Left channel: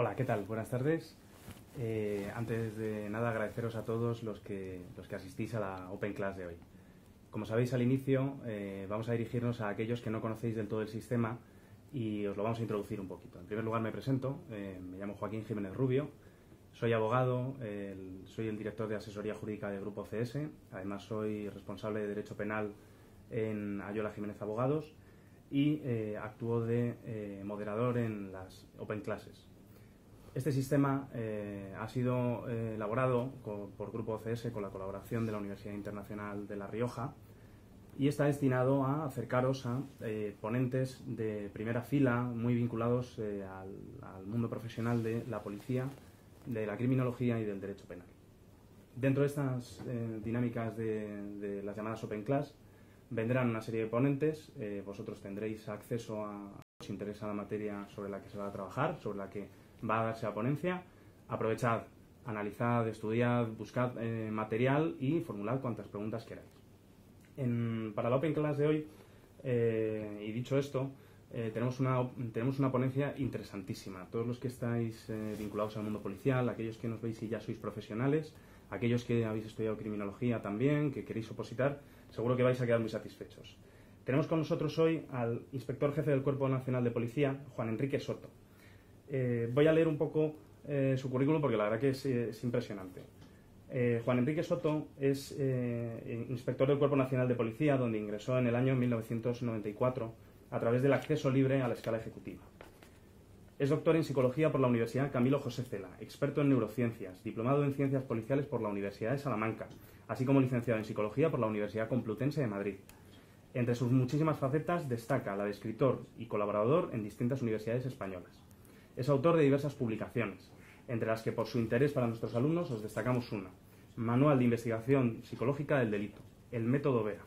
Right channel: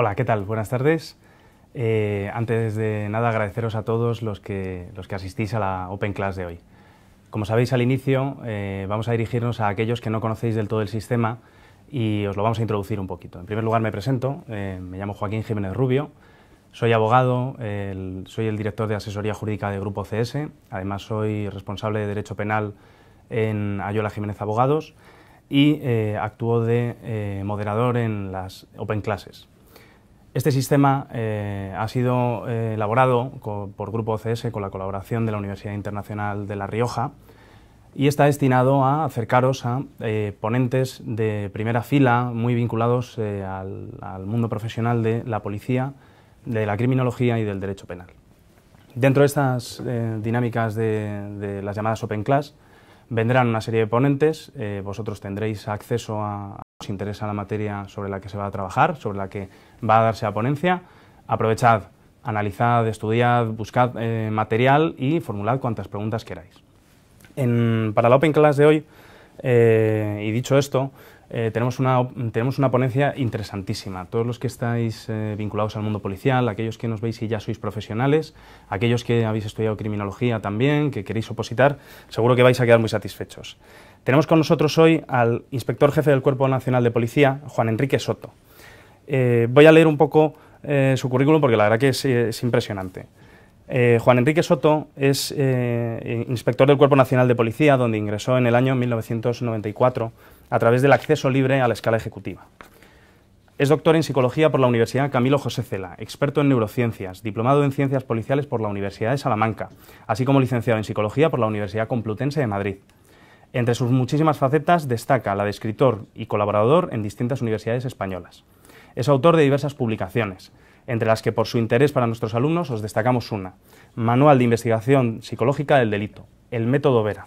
Hola, ¿qué tal? Buenas tardes. Antes de nada, agradeceros a todos los que asistís a la Open Class de hoy. Como sabéis al inicio, vamos a dirigirnos a aquellos que no conocéis del todo el sistema y os lo vamos a introducir un poquito. En primer lugar me presento, me llamo Joaquín Jiménez Rubio, soy abogado, soy el director de asesoría jurídica de Grupo CS, además soy responsable de Derecho Penal en Ayola Jiménez Abogados y actúo de moderador en las Open Classes. Este sistema ha sido elaborado por Grupo CS con la colaboración de la Universidad Internacional de La Rioja y está destinado a acercaros a ponentes de primera fila muy vinculados al mundo profesional de la policía, de la criminología y del derecho penal. Dentro de estas dinámicas de las llamadas Open Class vendrán una serie de ponentes, vosotros tendréis acceso a si os interesa la materia sobre la que se va a trabajar, sobre la que va a darse la ponencia. Aprovechad, analizad, estudiad, buscad material y formulad cuantas preguntas queráis. Para la Open Class de hoy, y dicho esto, tenemos una ponencia interesantísima. Todos los que estáis vinculados al mundo policial, aquellos que nos veis y ya sois profesionales, aquellos que habéis estudiado criminología también, que queréis opositar, seguro que vais a quedar muy satisfechos. Tenemos con nosotros hoy al inspector jefe del Cuerpo Nacional de Policía, Juan Enrique Soto. Voy a leer un poco su currículum porque la verdad que es impresionante. Juan Enrique Soto es inspector del Cuerpo Nacional de Policía, donde ingresó en el año 1994 a través del acceso libre a la escala ejecutiva. Es doctor en Psicología por la Universidad Camilo José Cela, experto en neurociencias, diplomado en Ciencias Policiales por la Universidad de Salamanca, así como licenciado en Psicología por la Universidad Complutense de Madrid. Entre sus muchísimas facetas destaca la de escritor y colaborador en distintas universidades españolas. Es autor de diversas publicaciones, entre las que por su interés para nuestros alumnos os destacamos una: Manual de Investigación Psicológica del Delito, el método Vera.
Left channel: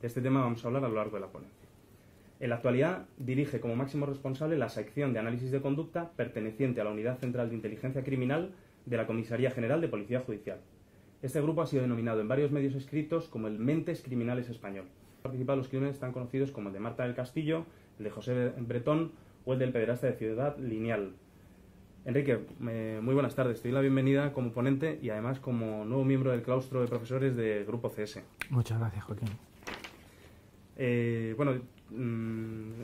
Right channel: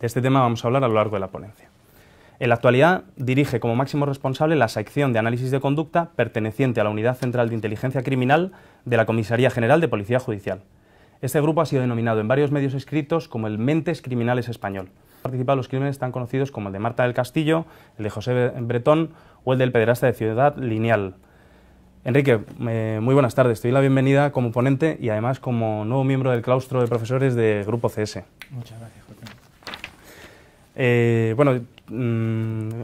De este tema vamos a hablar a lo largo de la ponencia. En la actualidad dirige como máximo responsable la sección de análisis de conducta perteneciente a la Unidad Central de Inteligencia Criminal de la Comisaría General de Policía Judicial. Este grupo ha sido denominado en varios medios escritos como el Mentes Criminales Español. Participado en los crímenes tan conocidos como el de Marta del Castillo, el de José Bretón o el del pederasta de Ciudad Lineal. Enrique, muy buenas tardes. Te doy la bienvenida como ponente y además como nuevo miembro del claustro de profesores de Grupo CS. Muchas gracias, Joaquín.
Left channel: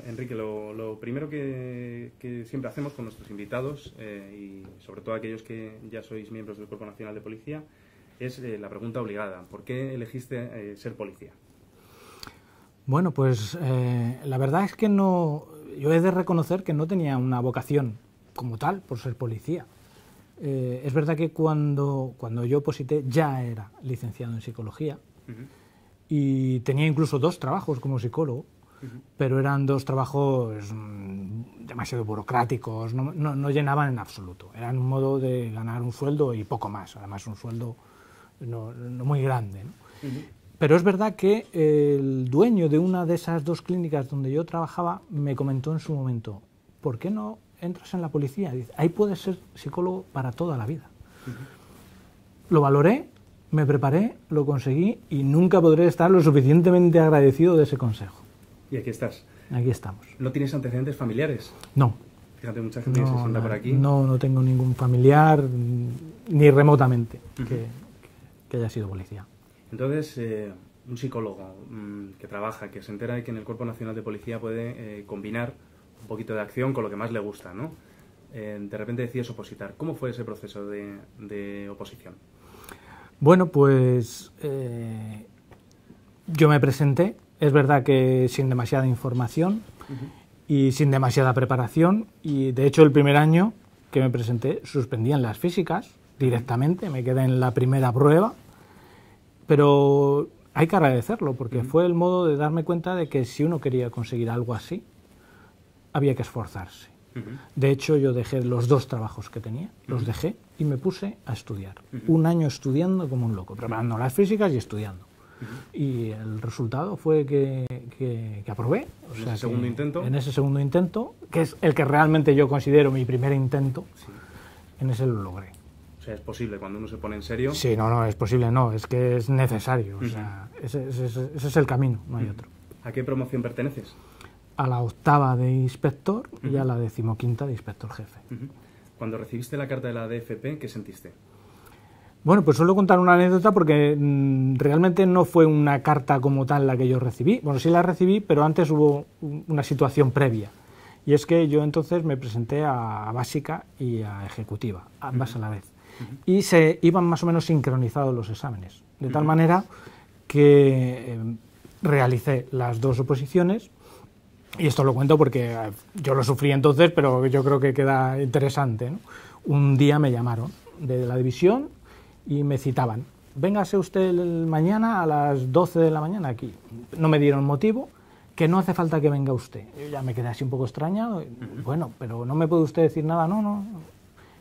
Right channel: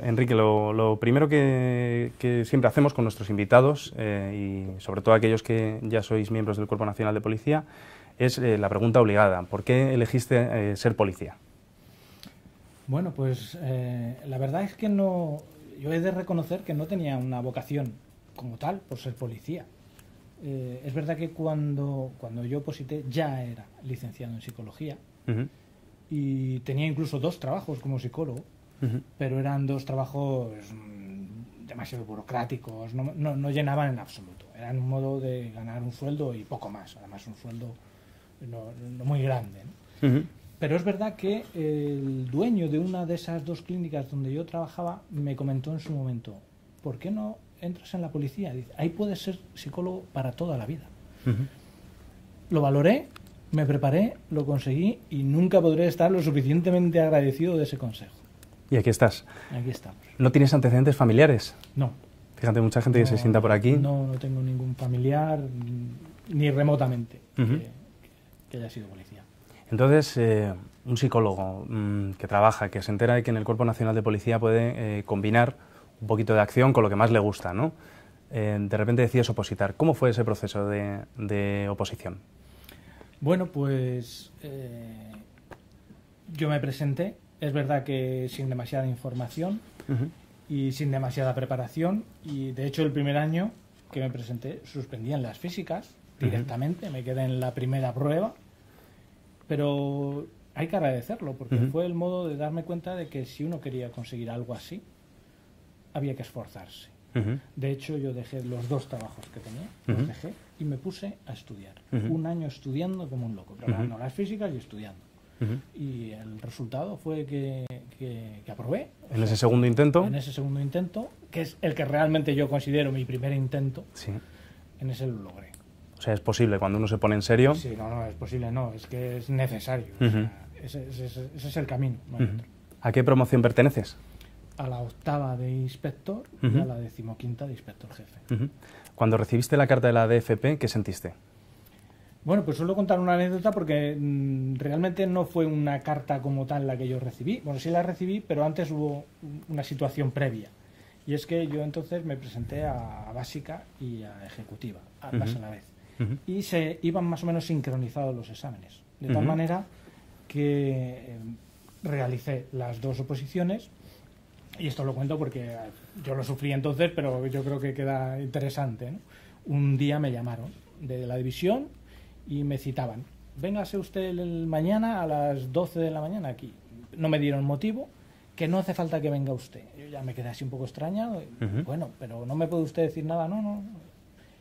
Enrique, lo primero que siempre hacemos con nuestros invitados y sobre todo aquellos que ya sois miembros del Cuerpo Nacional de Policía es la pregunta obligada: ¿por qué elegiste ser policía? Bueno, pues la verdad es que yo he de reconocer que no tenía una vocación como tal por ser policía. Es verdad que cuando yo oposité ya era licenciado en Psicología y tenía incluso 2 trabajos como psicólogo, pero eran 2 trabajos demasiado burocráticos, no llenaban en absoluto. Eran un modo de ganar un sueldo y poco más, además un sueldo no muy grande, ¿no? Pero es verdad que el dueño de una de esas 2 clínicas donde yo trabajaba me comentó en su momento: ¿por qué no entras en la policía? Dice, ahí puedes ser psicólogo para toda la vida. Lo valoré, me preparé, lo conseguí y nunca podré estar lo suficientemente agradecido de ese consejo. Y aquí estás. Aquí estamos. ¿No tienes antecedentes familiares? No. Fíjate, mucha gente que se sienta por aquí. No tengo ningún familiar, ni remotamente, que haya sido policía. Entonces, un psicólogo que trabaja, que se entera de que en el Cuerpo Nacional de Policía puede combinar un poquito de acción con lo que más le gusta, ¿no? De repente decides opositar. ¿Cómo fue ese proceso de oposición? Bueno, pues yo me presenté, es verdad que sin demasiada información y sin demasiada preparación, y de hecho el primer año que me presenté suspendían las físicas directamente, me quedé en la primera prueba. Pero hay que agradecerlo, porque fue el modo de darme cuenta de que si uno quería conseguir algo así, había que esforzarse. De hecho, yo dejé los 2 trabajos que tenía, los dejé y me puse a estudiar. Un año estudiando como un loco, preparando las físicas y estudiando. Y el resultado fue que aprobé. ¿En ese segundo intento? En ese segundo intento, que es el que realmente yo considero mi primer intento, en ese lo logré. O sea, es posible cuando uno se pone en serio. Sí, no, es posible, no, es que es necesario. O sea, ese es el camino, no hay otro. ¿A qué promoción perteneces? a la 8ª de inspector y a la 15ª de inspector jefe. Cuando recibiste la carta de la DFP, ¿qué sentiste? Bueno, pues suelo contar una anécdota porque realmente no fue una carta como tal la que yo recibí. Bueno, sí la recibí, pero antes hubo una situación previa. Y es que yo entonces me presenté a básica y a ejecutiva, ambas a la vez. Y se iban más o menos sincronizados los exámenes. De tal manera que realicé las dos oposiciones. Y esto lo cuento porque yo lo sufrí entonces, pero yo creo que queda interesante, ¿no? Un día me llamaron de la división y me citaban. Véngase usted mañana a las 12 de la mañana aquí. No me dieron motivo, que no hace falta que venga usted. Yo ya me quedé así un poco extrañado. Bueno, pero no me puede usted decir nada, no.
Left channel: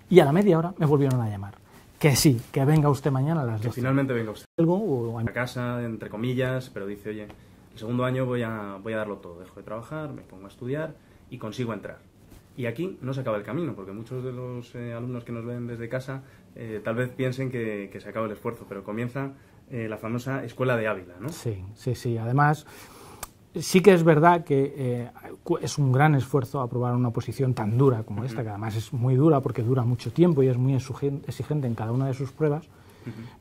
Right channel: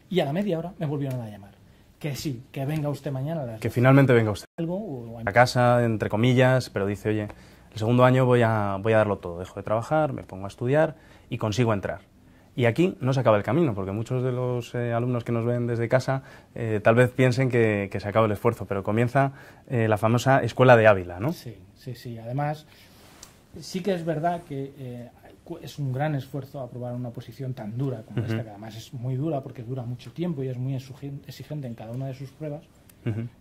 Y a la media hora me volvieron a llamar. Que sí, que venga usted mañana a las 12. Que finalmente venga usted. Algo, A casa, entre comillas, pero dice, oye, el segundo año voy a darlo todo. Dejo de trabajar, me pongo a estudiar y consigo entrar. Y aquí no se acaba el camino, porque muchos de los alumnos que nos ven desde casa tal vez piensen que se acaba el esfuerzo, pero comienza la famosa Escuela de Ávila, ¿no? Sí. Además, sí que es verdad que es un gran esfuerzo aprobar una oposición tan dura como esta, que además es muy dura porque dura mucho tiempo y es muy exigente en cada una de sus pruebas,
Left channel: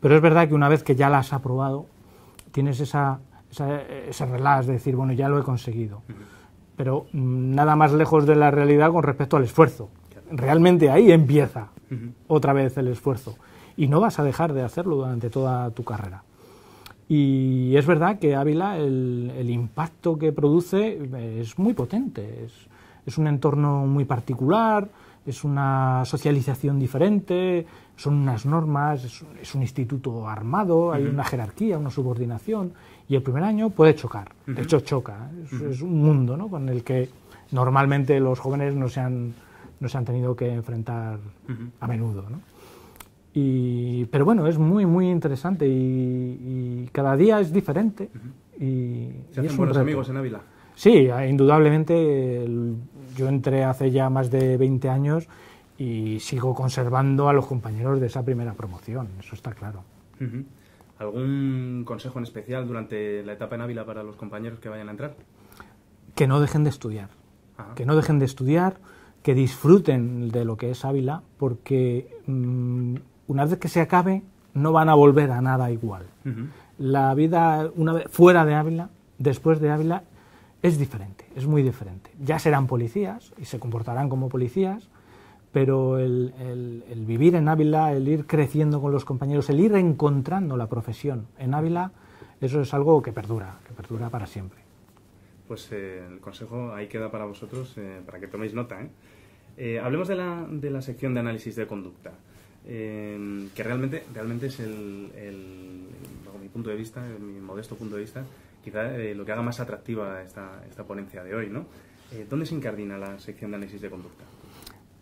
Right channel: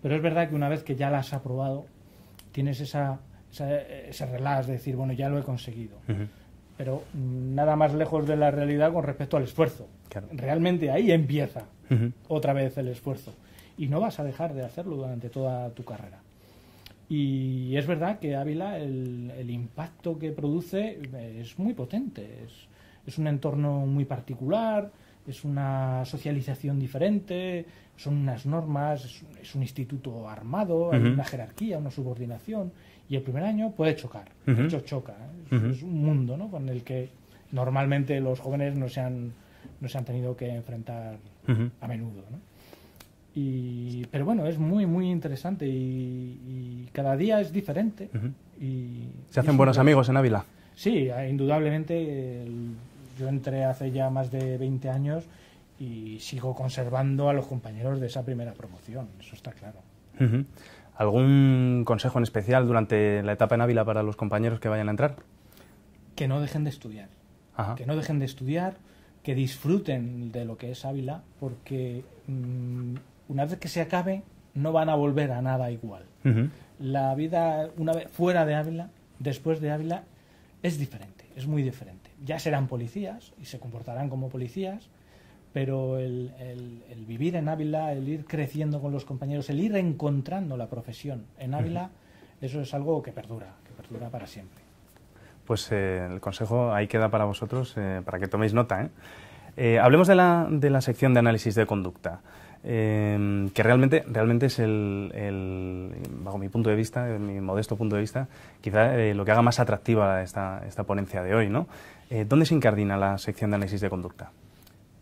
pero es verdad que una vez que ya la has aprobado, tienes esa relax de decir, bueno, ya lo he conseguido. Pero nada más lejos de la realidad con respecto al esfuerzo. Claro. Realmente ahí empieza otra vez el esfuerzo. Y no vas a dejar de hacerlo durante toda tu carrera. Y es verdad que Ávila, el impacto que produce es muy potente. Es un entorno muy particular, es una socialización diferente, son unas normas, es un instituto armado, hay una jerarquía, una subordinación. Y el primer año puede chocar, de hecho choca, es un mundo, ¿no?, con el que normalmente los jóvenes no se han tenido que enfrentar a menudo, ¿no? Pero bueno, es muy, muy interesante y cada día es diferente. ¿Se hacen buenos amigos en Ávila? Sí, indudablemente. Yo entré hace ya más de 20 años y sigo conservando a los compañeros de esa primera promoción, eso está claro. ¿Algún consejo en especial durante la etapa en Ávila para los compañeros que vayan a entrar? Que no dejen de estudiar. Que no dejen de estudiar, que disfruten de lo que es Ávila, porque una vez que se acabe no van a volver a nada igual. La vida una vez fuera de Ávila, después de Ávila, es diferente, es muy diferente. Ya serán policías y se comportarán como policías, pero el vivir en Ávila, el ir creciendo con los compañeros, el ir encontrando la profesión en Ávila, eso es algo que perdura para siempre. Pues el consejo ahí queda para vosotros, para que toméis nota, hablemos de la sección de análisis de conducta, que realmente es bajo mi punto de vista, mi modesto punto de vista, quizá lo que haga más atractiva esta ponencia de hoy, ¿no? ¿Dónde se incardina la sección de análisis de conducta?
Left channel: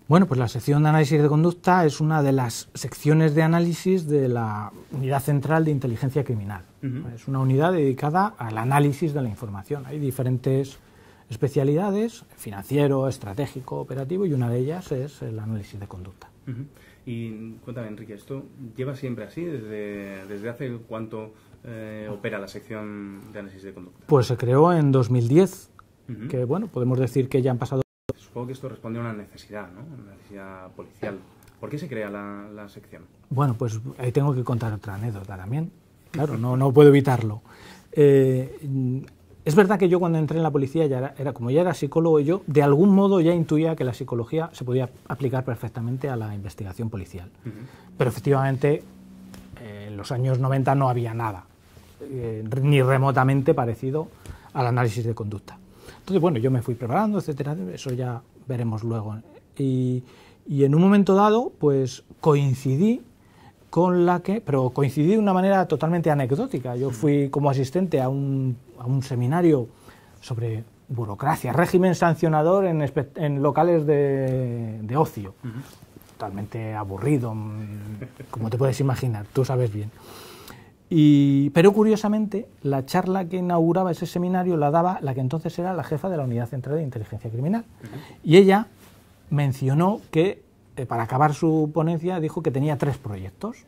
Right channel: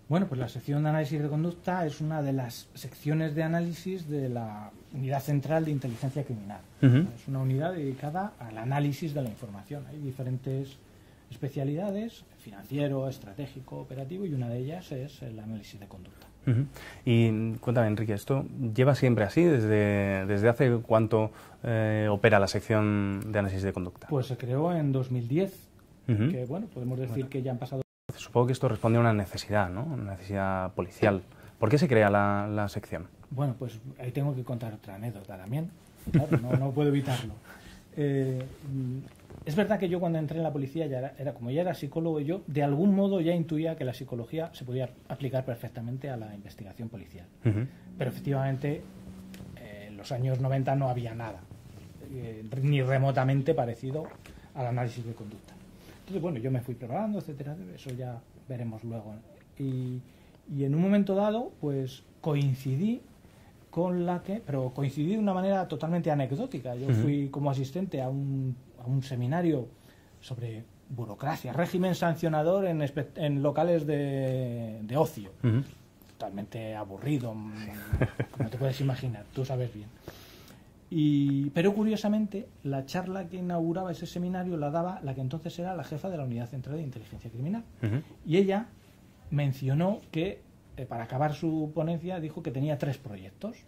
Bueno, pues la sección de análisis de conducta es una de las secciones de análisis de la Unidad Central de Inteligencia Criminal. Es una unidad dedicada al análisis de la información. Hay diferentes especialidades, financiero, estratégico, operativo, y una de ellas es el análisis de conducta. Y cuéntame, Enrique, ¿esto lleva siempre así? ¿Desde hace cuánto opera la sección de análisis de conducta? Pues se creó en 2010, que bueno, podemos decir que ya han pasado. Supongo que esto responde a una necesidad, ¿no? Una necesidad policial. ¿Por qué se crea la sección? Bueno, pues ahí tengo que contar otra anécdota también. Claro, no puedo evitarlo. Es verdad que yo cuando entré en la policía como ya era psicólogo, yo de algún modo ya intuía que la psicología se podía aplicar perfectamente a la investigación policial. Pero efectivamente en los años 90 no había nada, ni remotamente parecido al análisis de conducta. Entonces, bueno, yo me fui preparando, etcétera, eso ya veremos luego. Y en un momento dado, pues coincidí pero coincidí de una manera totalmente anecdótica. Yo fui como asistente a un seminario sobre burocracia, régimen sancionador en locales de ocio. Totalmente aburrido, como te puedes imaginar, tú sabes bien. Pero curiosamente, la charla que inauguraba ese seminario la daba la que entonces era la jefa de la Unidad Central de Inteligencia Criminal. Y ella mencionó que, para acabar su ponencia, dijo que tenía 3 proyectos.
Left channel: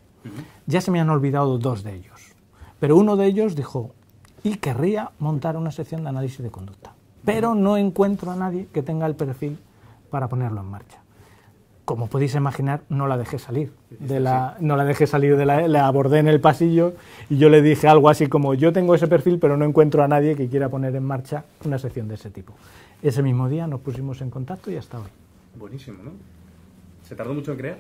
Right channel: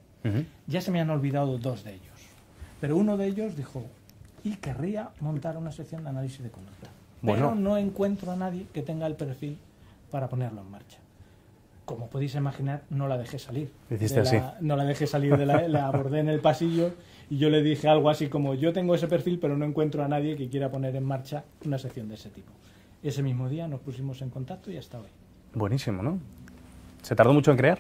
Ya se me han olvidado 2 de ellos. Pero uno de ellos dijo, y querría montar una sección de análisis de conducta. pero no encuentro a nadie que tenga el perfil para ponerlo en marcha. Como podéis imaginar, no la dejé salir. No la dejé salir la abordé en el pasillo y yo le dije algo así como: yo tengo ese perfil, pero no encuentro a nadie que quiera poner en marcha una sección de ese tipo. Ese mismo día nos pusimos en contacto y hasta hoy. Buenísimo, ¿no? ¿Se tardó mucho en crear?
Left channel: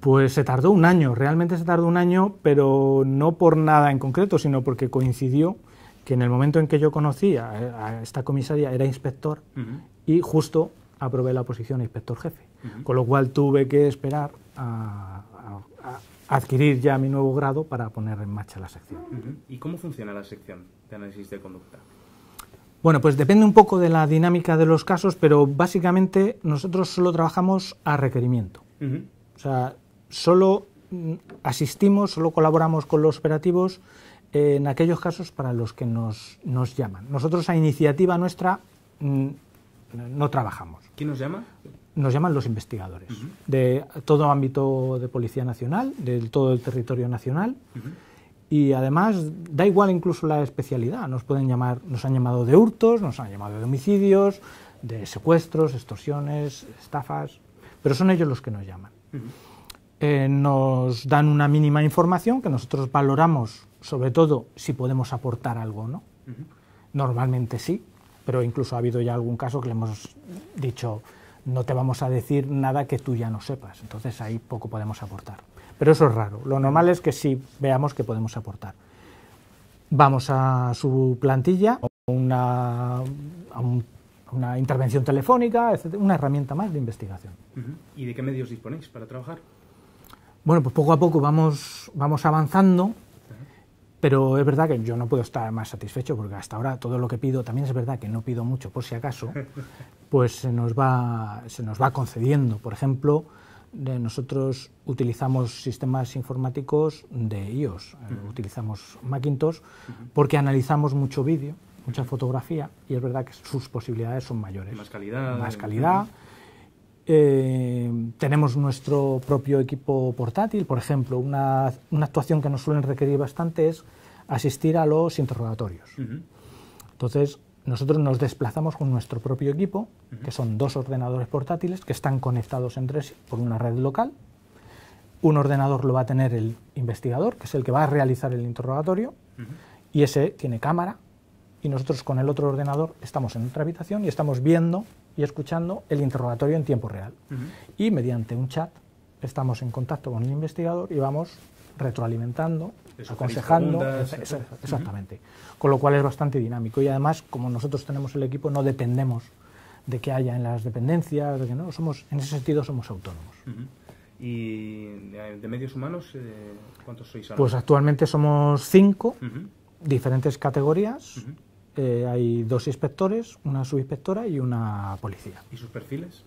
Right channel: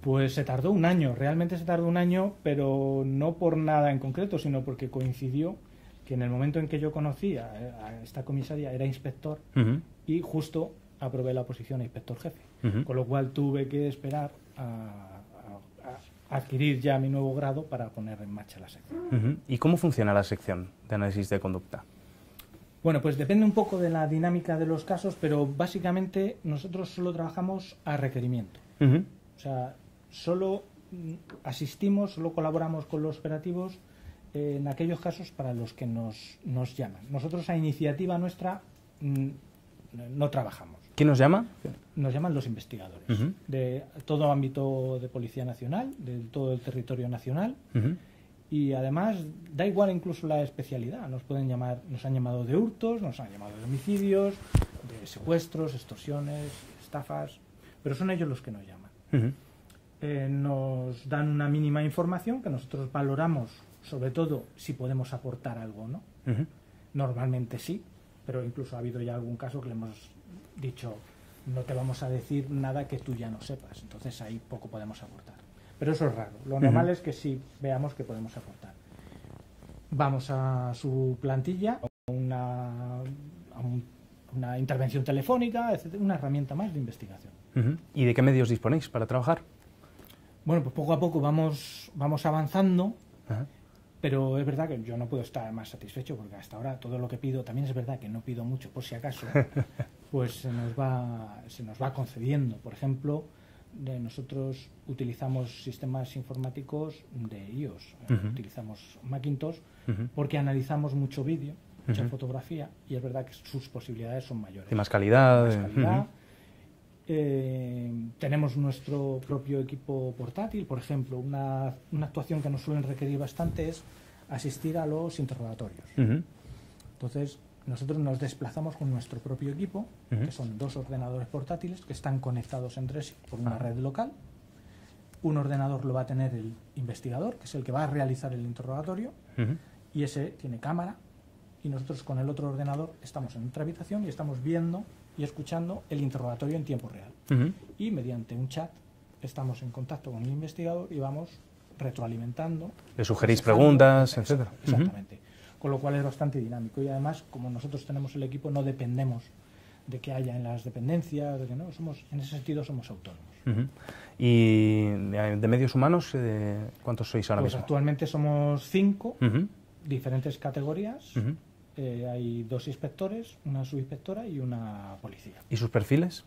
Pues se tardó un año, realmente se tardó un año, pero no por nada en concreto, sino porque coincidió que en el momento en que yo conocí a esta comisaria era inspector y justo aprobé la posición de inspector jefe. Con lo cual tuve que esperar a adquirir ya mi nuevo grado para poner en marcha la sección. ¿Y cómo funciona la sección de análisis de conducta? Bueno, pues depende un poco de la dinámica de los casos, pero básicamente nosotros solo trabajamos a requerimiento. O sea, solo asistimos, solo colaboramos con los operativos en aquellos casos para los que nos llaman. Nosotros a iniciativa nuestra no trabajamos. ¿Quién nos llama? Nos llaman los investigadores de todo ámbito de Policía Nacional, de todo el territorio nacional, y además da igual incluso la especialidad. Nos pueden llamar, nos han llamado de hurtos, nos han llamado de homicidios, de secuestros, extorsiones, estafas, pero son ellos los que nos llaman. Nos dan una mínima información que nosotros valoramos, sobre todo si podemos aportar algo o no. Normalmente sí, pero incluso ha habido ya algún caso que le hemos dicho: no te vamos a decir nada que tú ya no sepas, entonces ahí poco podemos aportar. Pero eso es raro, lo normal es que sí veamos que podemos aportar. Vamos a su plantilla, a una intervención telefónica, etc., una herramienta más de investigación. ¿Y de qué medios disponéis para trabajar? Bueno, pues poco a poco vamos avanzando. Pero es verdad que yo no puedo estar más satisfecho porque hasta ahora todo lo que pido, también es verdad que no pido mucho por si acaso, pues se nos va concediendo. Por ejemplo, nosotros utilizamos sistemas informáticos de iOS, utilizamos Macintosh porque analizamos mucho vídeo, mucha fotografía, y es verdad que sus posibilidades son mayores. De más calidad. Más calidad. Tenemos nuestro propio equipo portátil. Por ejemplo, una actuación que nos suelen requerir bastante es asistir a los interrogatorios. Entonces, nosotros nos desplazamos con nuestro propio equipo, que son 2 ordenadores portátiles que están conectados entre sí por una red local. Un ordenador lo va a tener el investigador, que es el que va a realizar el interrogatorio, y ese tiene cámara, y nosotros con el otro ordenador estamos en otra habitación y estamos viendo y escuchando el interrogatorio en tiempo real. Y mediante un chat estamos en contacto con el investigador y vamos retroalimentando. Le sugerís preguntas, etc. Exactamente. Con lo cual es bastante dinámico. Y además, como nosotros tenemos el equipo, no dependemos de que haya en las dependencias, de que no, en ese sentido somos autónomos. ¿Y de medios humanos cuántos sois ahora? Pues actualmente somos 5, diferentes categorías. Hay 2 inspectores, una subinspectora y una policía. ¿Y sus perfiles?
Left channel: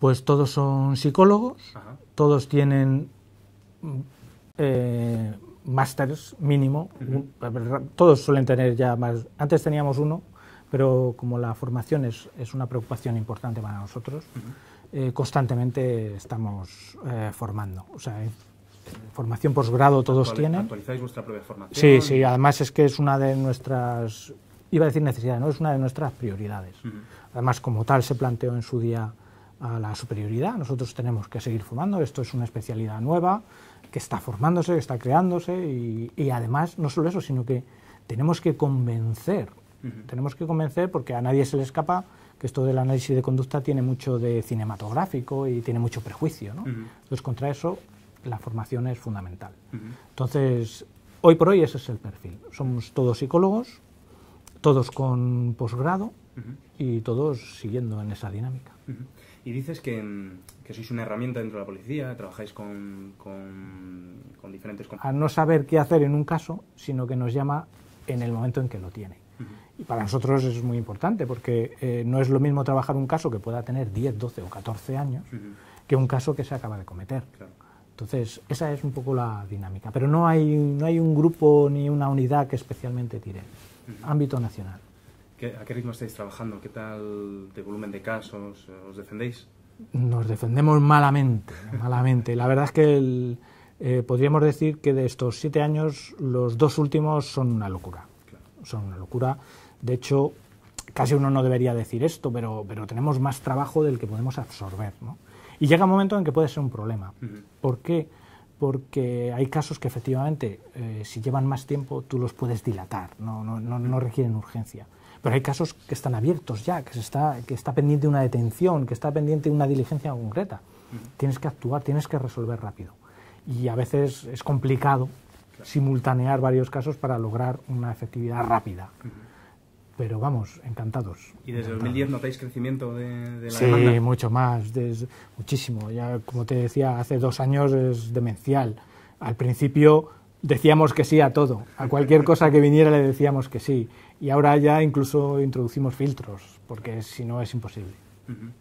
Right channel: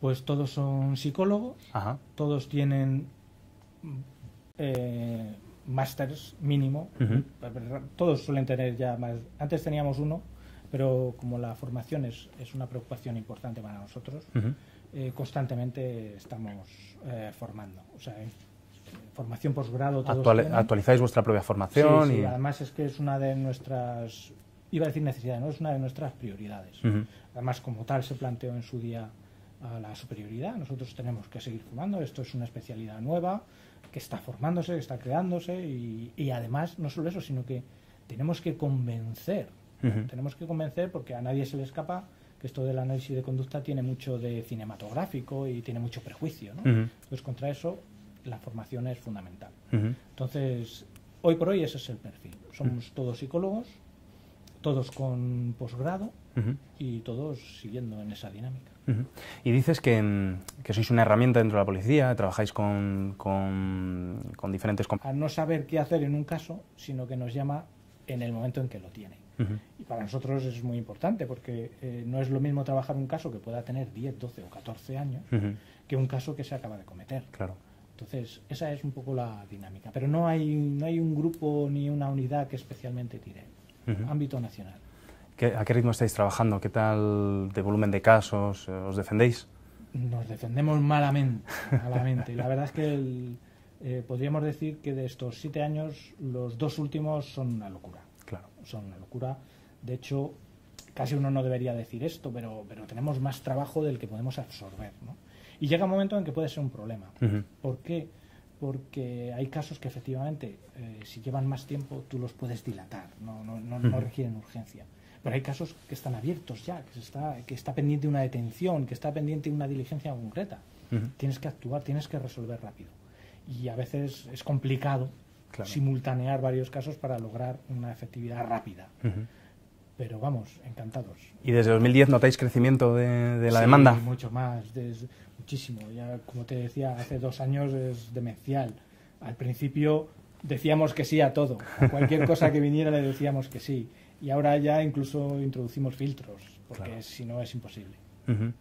Pues todos son psicólogos, todos tienen másters mínimo, todos suelen tener ya más. Antes teníamos uno, pero como la formación es una preocupación importante para nosotros, constantemente estamos formando. O sea, formación posgrado todos tienen. ¿Actualizáis vuestra propia formación? Sí, además es que es una de nuestras, iba a decir necesidades, ¿no? Es una de nuestras prioridades. Además, como tal, se planteó en su día a la superioridad. Nosotros tenemos que seguir formando, esto es una especialidad nueva, que está formándose, que está creándose, y además, no solo eso, sino que tenemos que convencer, porque a nadie se le escapa que esto del análisis de conducta tiene mucho de cinematográfico y tiene mucho prejuicio, ¿no? Entonces, contra eso, la formación es fundamental. Entonces, hoy por hoy ese es el perfil. Somos todos psicólogos, todos con posgrado y todos siguiendo en esa dinámica. Y dices que sois una herramienta dentro de la policía, trabajáis con diferentes... A no saber qué hacer en un caso, sino que nos llama en el momento en que lo tiene. Y para nosotros es muy importante porque no es lo mismo trabajar un caso que pueda tener 10, 12 o 14 años que un caso que se acaba de cometer. Claro. Entonces, esa es un poco la dinámica. Pero no hay un grupo ni una unidad que especialmente tire. Ámbito nacional. ¿A qué ritmo estáis trabajando? ¿Qué tal de volumen de casos? ¿Os defendéis? Nos defendemos malamente. La verdad es que podríamos decir que de estos 7 años, los 2 últimos son una locura. Claro. Son una locura. De hecho, casi uno no debería decir esto, pero tenemos más trabajo del que podemos absorber, ¿no? Y llega un momento en que puede ser un problema. ¿Por qué? Porque hay casos que efectivamente, si llevan más tiempo, tú los puedes dilatar, no requieren urgencia. Pero hay casos que están abiertos ya, que está pendiente una detención, que está pendiente una diligencia concreta. Tienes que actuar, tienes que resolver rápido. Y a veces es complicado simultanear varios casos para lograr una efectividad rápida. Pero vamos, encantados. ¿Y desde 2010 notáis crecimiento de la demanda? Sí, mucho más, muchísimo. Ya, como te decía, hace 2 años es demencial. Al principio decíamos que sí a todo. A cualquier cosa que viniera le decíamos que sí. Y ahora ya incluso introducimos filtros, porque si no es imposible.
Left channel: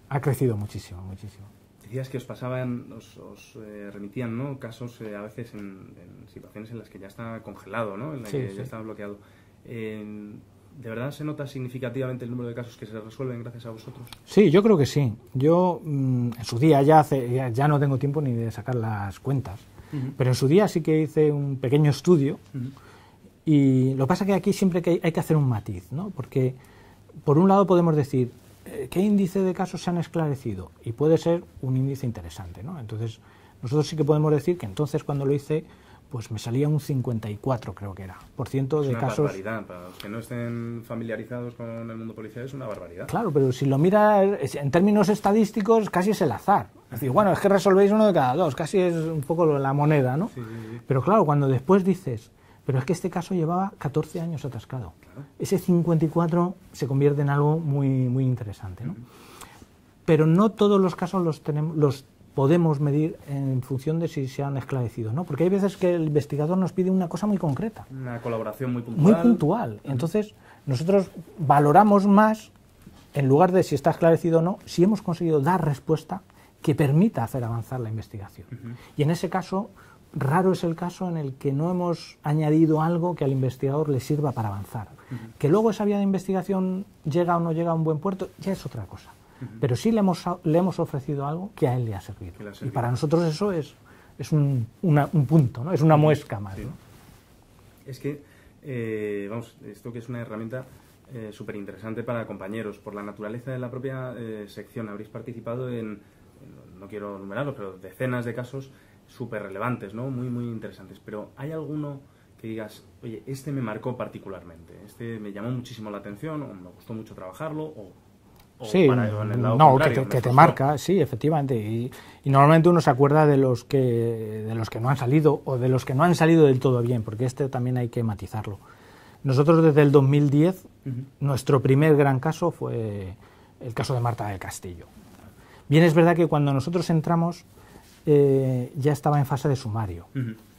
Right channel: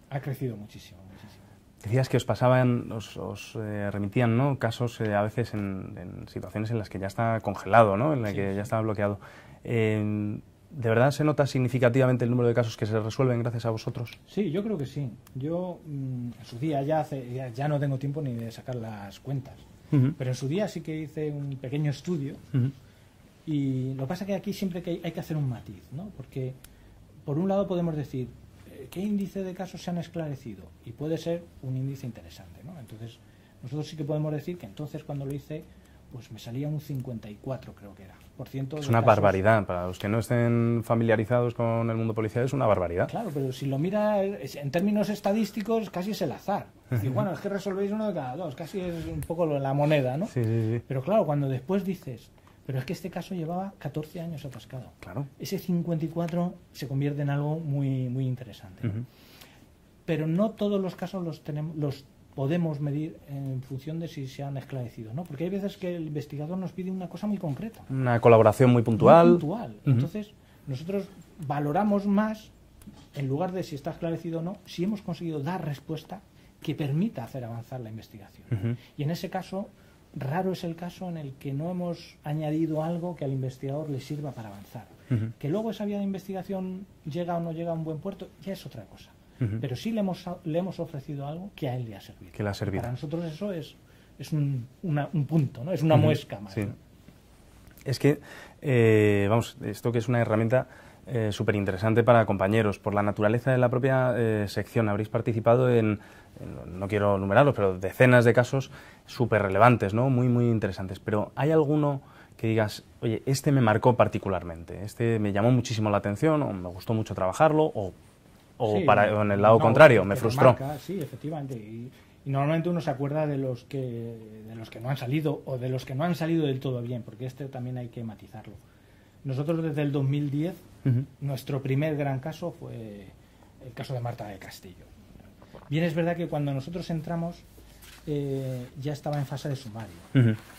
Ha crecido muchísimo, muchísimo. Decías que os pasaban, os remitían, ¿no?, casos a veces en situaciones en las que ya está congelado, ¿no?, en las que ya está bloqueado. ¿De verdad se nota significativamente el número de casos que se resuelven gracias a vosotros? Sí, yo creo que sí. Yo en su día ya no tengo tiempo ni de sacar las cuentas, pero en su día sí que hice un pequeño estudio y lo que pasa es que aquí siempre hay que hacer un matiz, ¿no? Porque por un lado podemos decir ¿qué índice de casos se han esclarecido? Y puede ser un índice interesante, ¿no? Entonces nosotros sí que podemos decir que entonces cuando lo hice pues me salía un 54, creo que era, por ciento de Es una casos. barbaridad. Para los que no estén familiarizados con el mundo policial es una barbaridad. Claro, pero si lo miras en términos estadísticos casi es el azar. Es decir, bueno, es que resolvéis 1 de cada 2, casi es un poco la moneda, ¿no? Sí. Pero claro, cuando después dices, pero es que este caso llevaba 14 años atascado. Claro. Ese 54 se convierte en algo muy, muy interesante, ¿no? Pero no todos los casos los podemos medir en función de si se han esclarecido, ¿no? Porque hay veces que el investigador nos pide una cosa muy concreta. Una colaboración muy puntual. Muy puntual. Entonces, nosotros valoramos más, en lugar de si está esclarecido o no, si hemos conseguido dar respuesta que permita hacer avanzar la investigación. Y en ese caso, raro es el caso en el que no hemos añadido algo que al investigador le sirva para avanzar. Que luego esa vía de investigación llega o no llega a un buen puerto, ya es otra cosa. Pero sí le hemos ofrecido algo que a él le ha servido. Que le ha servido. Y para nosotros eso es un punto, ¿no? Es una muesca más. Sí. ¿no? Es que, vamos, esto que es una herramienta súper interesante para compañeros. Por la naturaleza de la propia sección habréis participado en, no quiero numerarlos, pero decenas de casos súper relevantes, ¿no? Muy, muy interesantes. Pero ¿hay alguno que digas, oye, este me marcó particularmente, este me llamó muchísimo la atención, o me gustó mucho trabajarlo, o sí, en el lado contrario, me que frustró? te marca, sí, efectivamente. Y normalmente uno se acuerda de los que no han salido o de los que no han salido del todo bien, porque también hay que matizarlo. Nosotros desde el 2010, nuestro primer gran caso fue el caso de Marta del Castillo. Bien, es verdad que cuando nosotros entramos ya estaba en fase de sumario.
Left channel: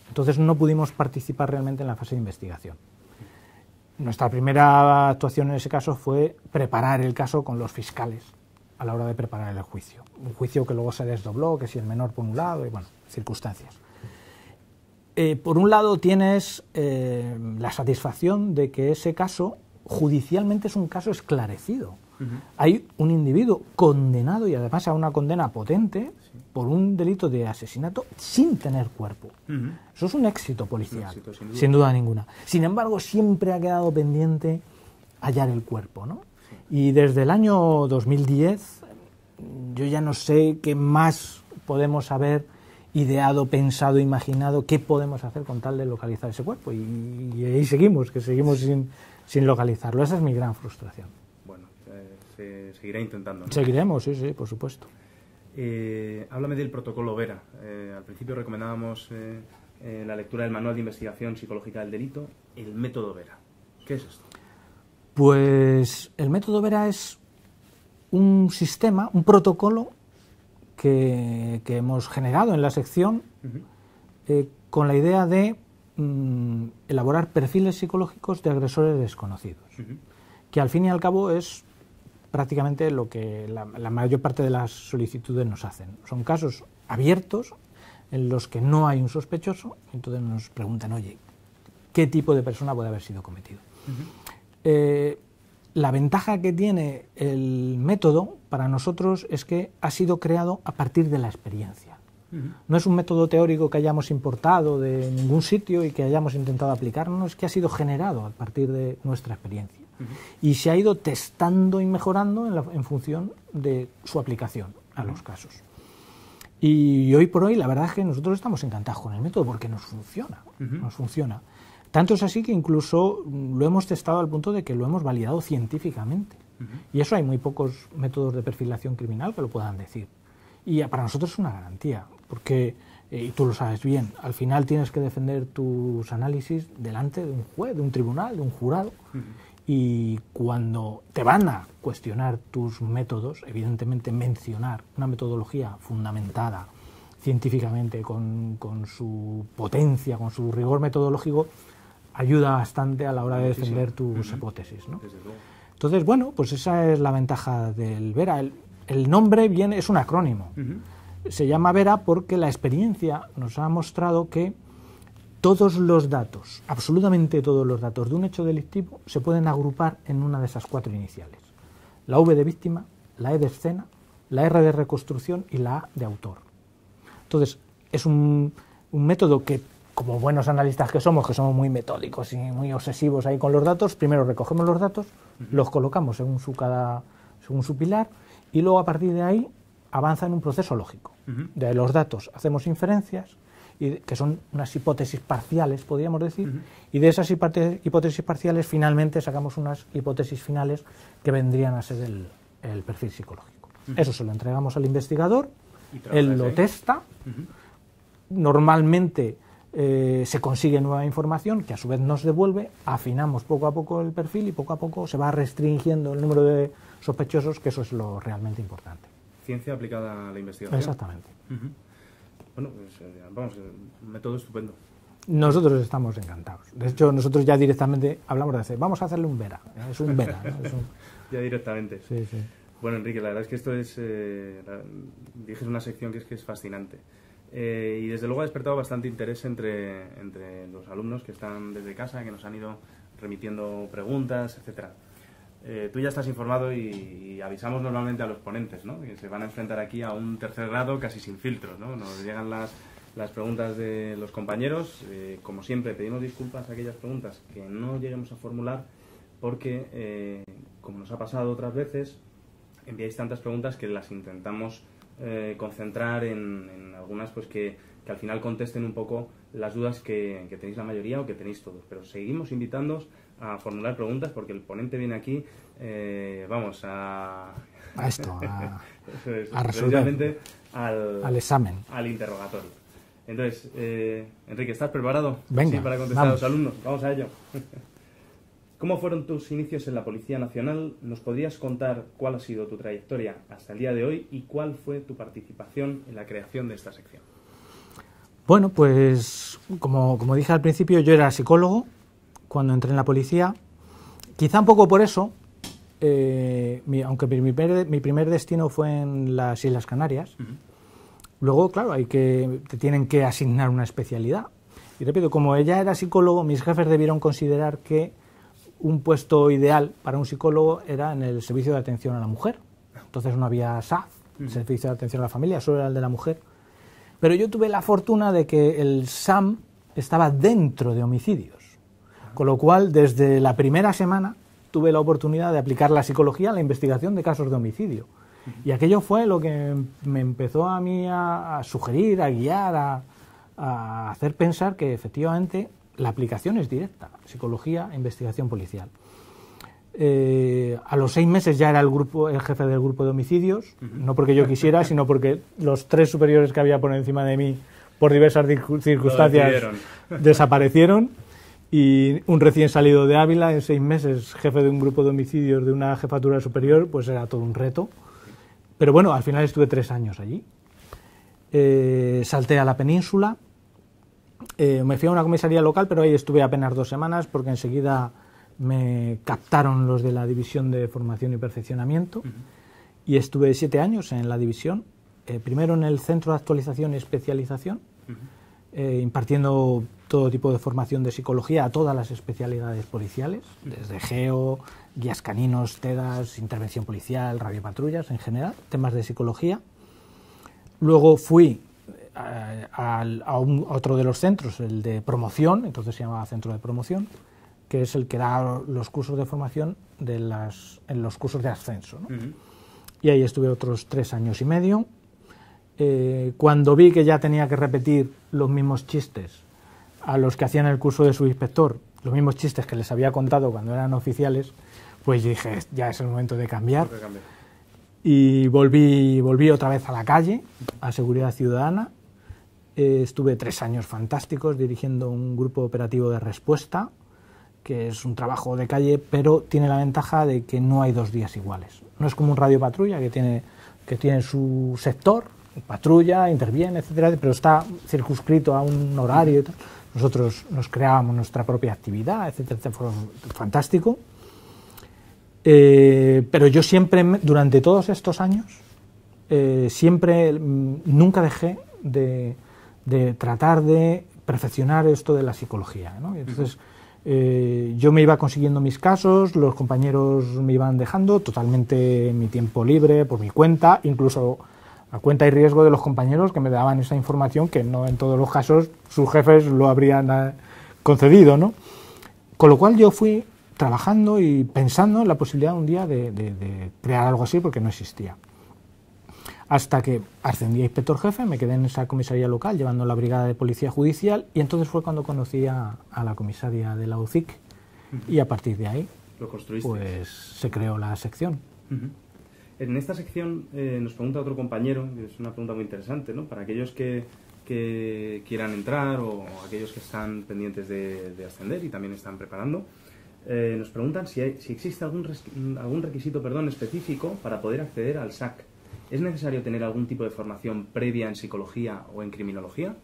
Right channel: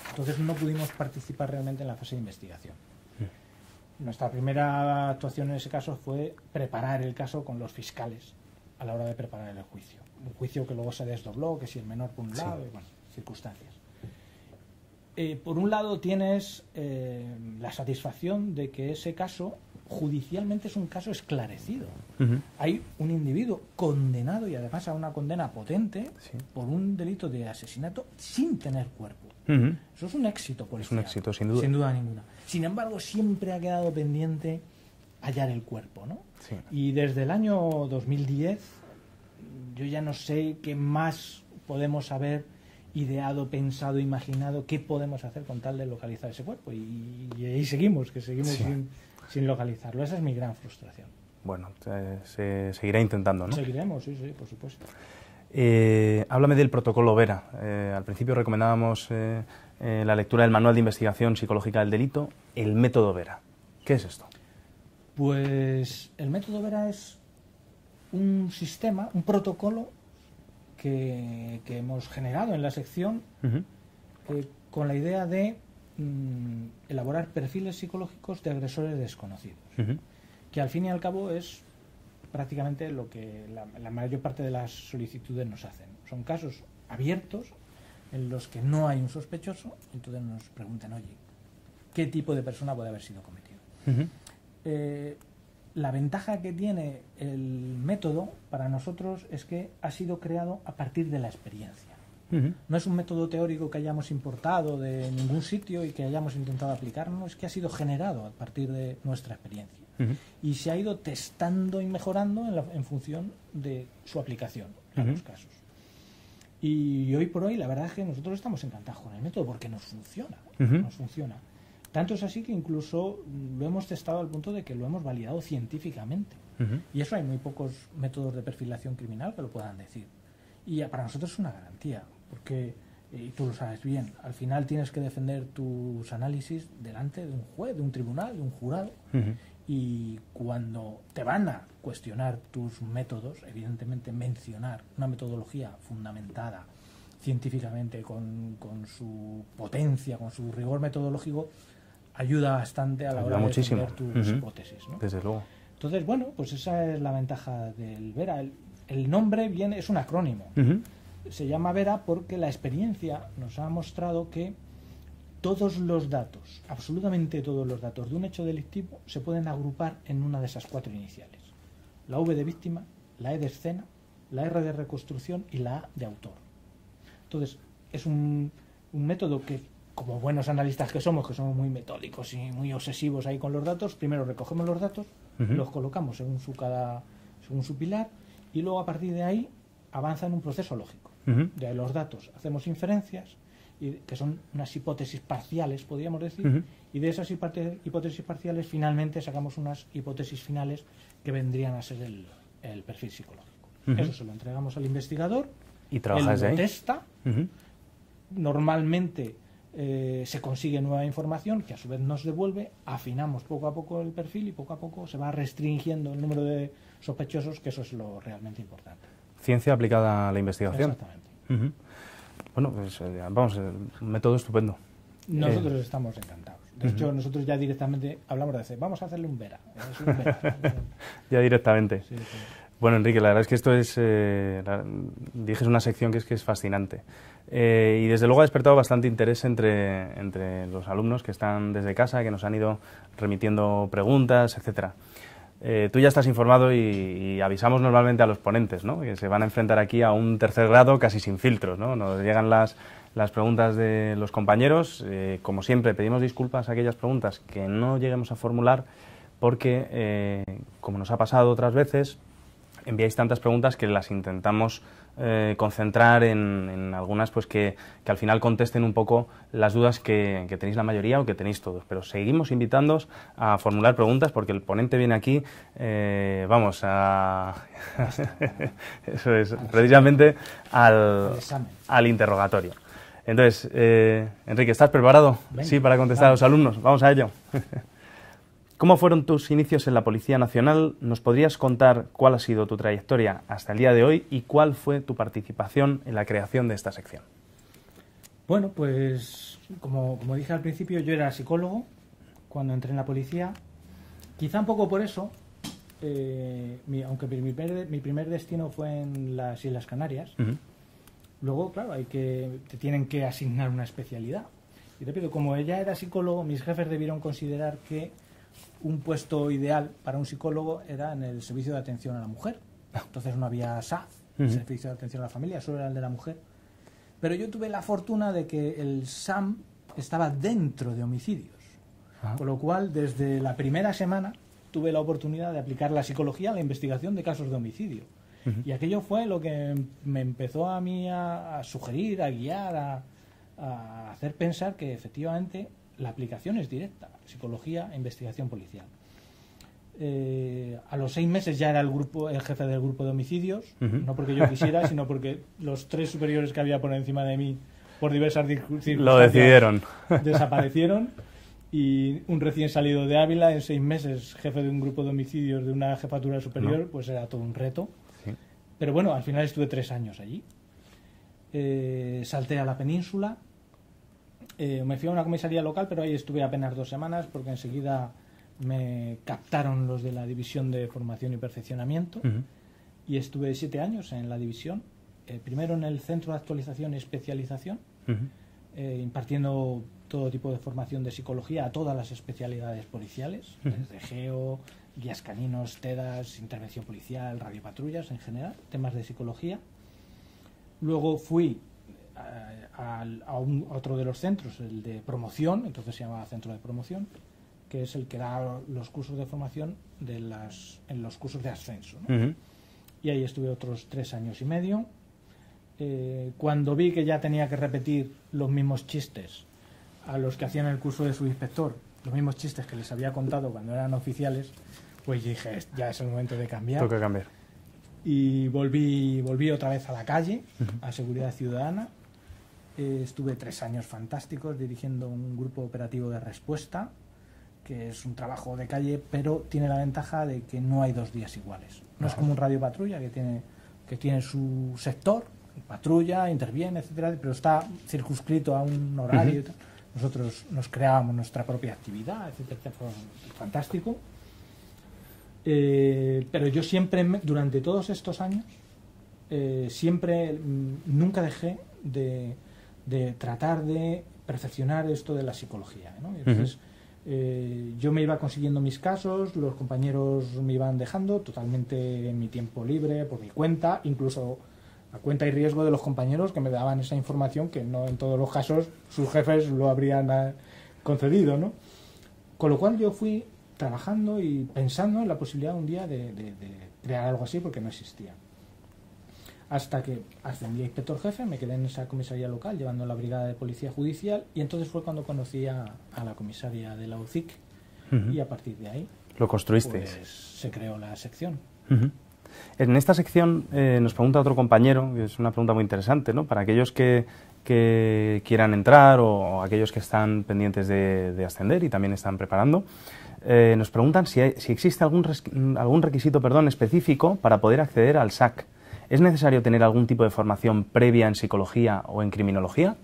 Entonces no pudimos participar realmente en la fase de investigación. Nuestra primera actuación en ese caso fue preparar el caso con los fiscales a la hora de preparar el juicio. Un juicio que luego se desdobló, que si el menor por un lado, y bueno, circunstancias. Por un lado tienes la satisfacción de que ese caso judicialmente es un caso esclarecido. Hay un individuo condenado, y además a una condena potente, por un delito de asesinato sin tener cuerpo. Eso es un éxito policial, es un éxito, sin duda. Sin duda ninguna. Sin embargo, siempre ha quedado pendiente hallar el cuerpo, ¿no? Sí. Y desde el año 2010, yo ya no sé qué más podemos haber ideado, pensado, imaginado, qué podemos hacer con tal de localizar ese cuerpo. Y ahí seguimos, sin localizarlo. Esa es mi gran frustración. Bueno, se seguirá intentando, ¿no? Seguiremos, sí, por supuesto. Háblame del protocolo Vera. Al principio recomendábamos la lectura del Manual de Investigación Psicológica del Delito, el método Vera. ¿Qué es esto? Pues el método Vera es un sistema, un protocolo que hemos generado en la sección con la idea de elaborar perfiles psicológicos de agresores desconocidos, que al fin y al cabo es prácticamente lo que la mayor parte de las solicitudes nos hacen. Son casos abiertos en los que no hay un sospechoso, entonces nos preguntan, oye, ¿qué tipo de persona puede haber sido cometido? La ventaja que tiene el método para nosotros es que ha sido creado a partir de la experiencia. No es un método teórico que hayamos importado de ningún sitio y que hayamos intentado aplicar, no, es que ha sido generado a partir de nuestra experiencia. Y se ha ido testando y mejorando en función de su aplicación a los casos. Y hoy por hoy la verdad es que nosotros estamos encantados con el método porque nos funciona. Nos funciona. Tanto es así que incluso lo hemos testado al punto de que lo hemos validado científicamente. Y eso hay muy pocos métodos de perfilación criminal que lo puedan decir. Y para nosotros es una garantía, porque, y tú lo sabes bien, al final tienes que defender tus análisis delante de un juez, de un tribunal, de un jurado. Y cuando te van a cuestionar tus métodos, evidentemente mencionar una metodología fundamentada científicamente, con su potencia, con su rigor metodológico, ayuda bastante a la hora de defender tus hipótesis, ¿no? Desde luego. Entonces, bueno, pues esa es la ventaja del Vera. El nombre es un acrónimo. Se llama Vera porque la experiencia nos ha mostrado que todos los datos, absolutamente todos los datos de un hecho delictivo se pueden agrupar en una de esas 4 iniciales. La V de víctima, la E de escena, la R de reconstrucción y la A de autor. Entonces, es un método que, como buenos analistas que somos muy metódicos y muy obsesivos ahí con los datos, primero recogemos los datos, los colocamos según su pilar, y luego a partir de ahí avanza en un proceso lógico. De los datos hacemos inferencias, que son unas hipótesis parciales, podríamos decir, y de esas hipótesis parciales finalmente sacamos unas hipótesis finales que vendrían a ser el perfil psicológico. Eso se lo entregamos al investigador, y él lo testa, normalmente se consigue nueva información que a su vez nos devuelve, afinamos poco a poco el perfil y poco a poco se va restringiendo el número de sospechosos, que eso es lo realmente importante. Ciencia aplicada a la investigación. Exactamente. Bueno, pues vamos, un método estupendo. Nosotros estamos encantados. De hecho, nosotros ya directamente hablamos de hacer, vamos a hacerle un Vera. Es un Vera, ¿no? Ya directamente. Sí. Bueno, Enrique, la verdad es que esto es, dijes una sección que es fascinante. Y desde luego ha despertado bastante interés entre los alumnos que están desde casa, que nos han ido remitiendo preguntas, etcétera. Tú ya estás informado y avisamos normalmente a los ponentes, ¿no?, que se van a enfrentar aquí a un tercer grado casi sin filtros, ¿no? Nos llegan las preguntas de los compañeros. Como siempre, pedimos disculpas a aquellas preguntas que no lleguemos a formular porque, como nos ha pasado otras veces, enviáis tantas preguntas que las intentamos concentrar en algunas pues que al final contesten un poco las dudas que tenéis la mayoría o que tenéis todos. Pero seguimos invitándoos a formular preguntas porque el ponente viene aquí, vamos, a esto, eso es, precisamente al examen, al interrogatorio. Entonces, Enrique, ¿estás preparado? Venga, sí, para contestar a los alumnos. Vamos a ello. ¿Cómo fueron tus inicios en la Policía Nacional? ¿Nos podrías contar cuál ha sido tu trayectoria hasta el día de hoy y cuál fue tu participación en la creación de esta sección? Bueno, pues como dije al principio, yo era psicólogo cuando entré en la policía. Quizá un poco por eso, aunque mi primer destino fue en las Islas Canarias, luego, claro, te tienen que asignar una especialidad. Y repito, como ella era psicólogo, mis jefes debieron considerar que un puesto ideal para un psicólogo era en el servicio de atención a la mujer. Entonces no había SAF, servicio de atención a la familia, solo era el de la mujer. Pero yo tuve la fortuna de que el SAM estaba dentro de homicidios. Con lo cual, desde la primera semana, tuve la oportunidad de aplicar la psicología a la investigación de casos de homicidio. Y aquello fue lo que me empezó a mí a sugerir, a guiar, a hacer pensar que efectivamente la aplicación es directa, psicología e investigación policial. A los 6 meses ya era el jefe del grupo de homicidios, no porque yo quisiera, sino porque los 3 superiores que había por encima de mí, por diversas circunstancias, desaparecieron, y un recién salido de Ávila, en 6 meses, jefe de un grupo de homicidios de una jefatura superior, pues era todo un reto. Pero bueno, al final estuve 3 años allí. Salté a la península. Me fui a una comisaría local, pero ahí estuve apenas 2 semanas porque enseguida me captaron los de la División de Formación y Perfeccionamiento y estuve 7 años en la división, primero en el Centro de Actualización y Especialización, impartiendo todo tipo de formación de psicología a todas las especialidades policiales, desde GEO, guías caninos, TEDAS, intervención policial, radiopatrullas en general, temas de psicología. Luego fui a otro de los centros, el de promoción, entonces se llamaba Centro de Promoción, que es el que da los cursos de formación en los cursos de ascenso, ¿no? Y ahí estuve otros 3 años y medio. Cuando vi que ya tenía que repetir los mismos chistes a los que hacían el curso de subinspector, los mismos chistes que les había contado cuando eran oficiales, pues dije, ya es el momento de cambiar. Tengo que cambiar. Y volví otra vez a la calle, a Seguridad Ciudadana. Estuve 3 años fantásticos dirigiendo un grupo operativo de respuesta, que es un trabajo de calle, pero tiene la ventaja de que no hay 2 días iguales. No es como un radio patrulla que tiene su sector, patrulla, interviene, etcétera, pero está circunscrito a un horario y tal. Nosotros nos creábamos nuestra propia actividad, etcétera, fue fantástico. Pero yo siempre, durante todos estos años, nunca dejé de tratar de perfeccionar esto de la psicología, ¿no? Entonces, yo me iba consiguiendo mis casos, los compañeros me iban dejando totalmente en mi tiempo libre, por mi cuenta, incluso a cuenta y riesgo de los compañeros que me daban esa información que no en todos los casos sus jefes lo habrían concedido, ¿no? Con lo cual yo fui trabajando y pensando en la posibilidad un día de crear algo así, porque no existía. Hasta que ascendí a inspector jefe, me quedé en esa comisaría local llevando la brigada de policía judicial, y entonces fue cuando conocí a la comisaria de la UCIC, y a partir de ahí lo construiste. Pues se creó la sección. En esta sección nos pregunta otro compañero, que es una pregunta muy interesante, ¿no? Para aquellos que quieran entrar o aquellos que están pendientes de ascender y también están preparando. Nos preguntan si existe algún requisito específico para poder acceder al SAC. ¿Es necesario tener algún tipo de formación previa en psicología o en criminología?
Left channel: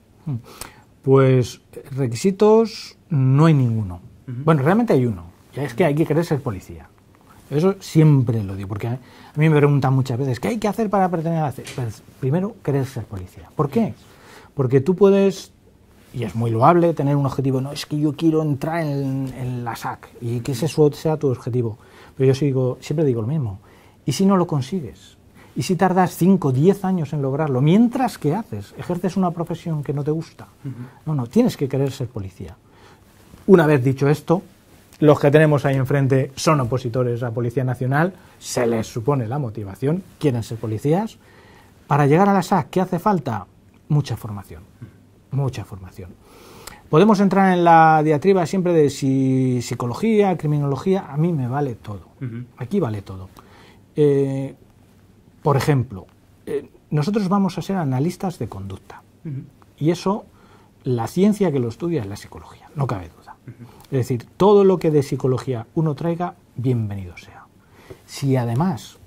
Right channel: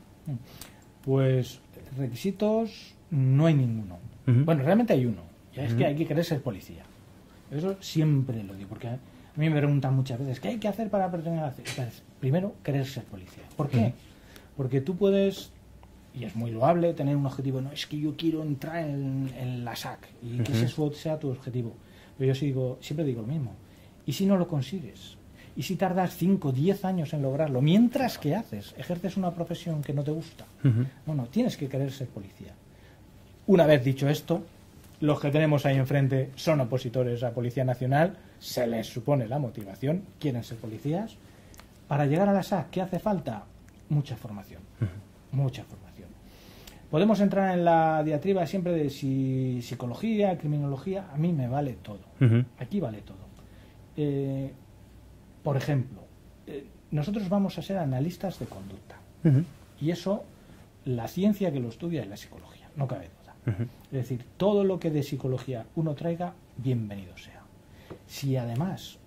Pues requisitos no hay ninguno. Bueno, realmente hay uno, y es que hay que querer ser policía. Eso siempre lo digo, porque a mí me preguntan muchas veces, ¿qué hay que hacer para pertenecer a la SAC? Pues, primero, querer ser policía. ¿Por qué? Porque tú puedes, y es muy loable, tener un objetivo, no, es que yo quiero entrar en la SAC, y que ese sea tu objetivo. Pero yo siempre digo lo mismo, ¿y si no lo consigues? ¿Y si tardas 5 o 10 años en lograrlo? Mientras, ¿qué haces? ¿Ejerces una profesión que no te gusta? No, tienes que querer ser policía. Una vez dicho esto, los que tenemos ahí enfrente son opositores a Policía Nacional, se les supone la motivación, quieren ser policías. Para llegar a la SAC, ¿qué hace falta? Mucha formación, mucha formación. Podemos entrar en la diatriba siempre de si psicología, criminología, a mí me vale todo. Aquí vale todo. Por ejemplo, nosotros vamos a ser analistas de conducta. Y eso, la ciencia que lo estudia es la psicología, no cabe duda. Es decir, todo lo que de psicología uno traiga, bienvenido sea. Si además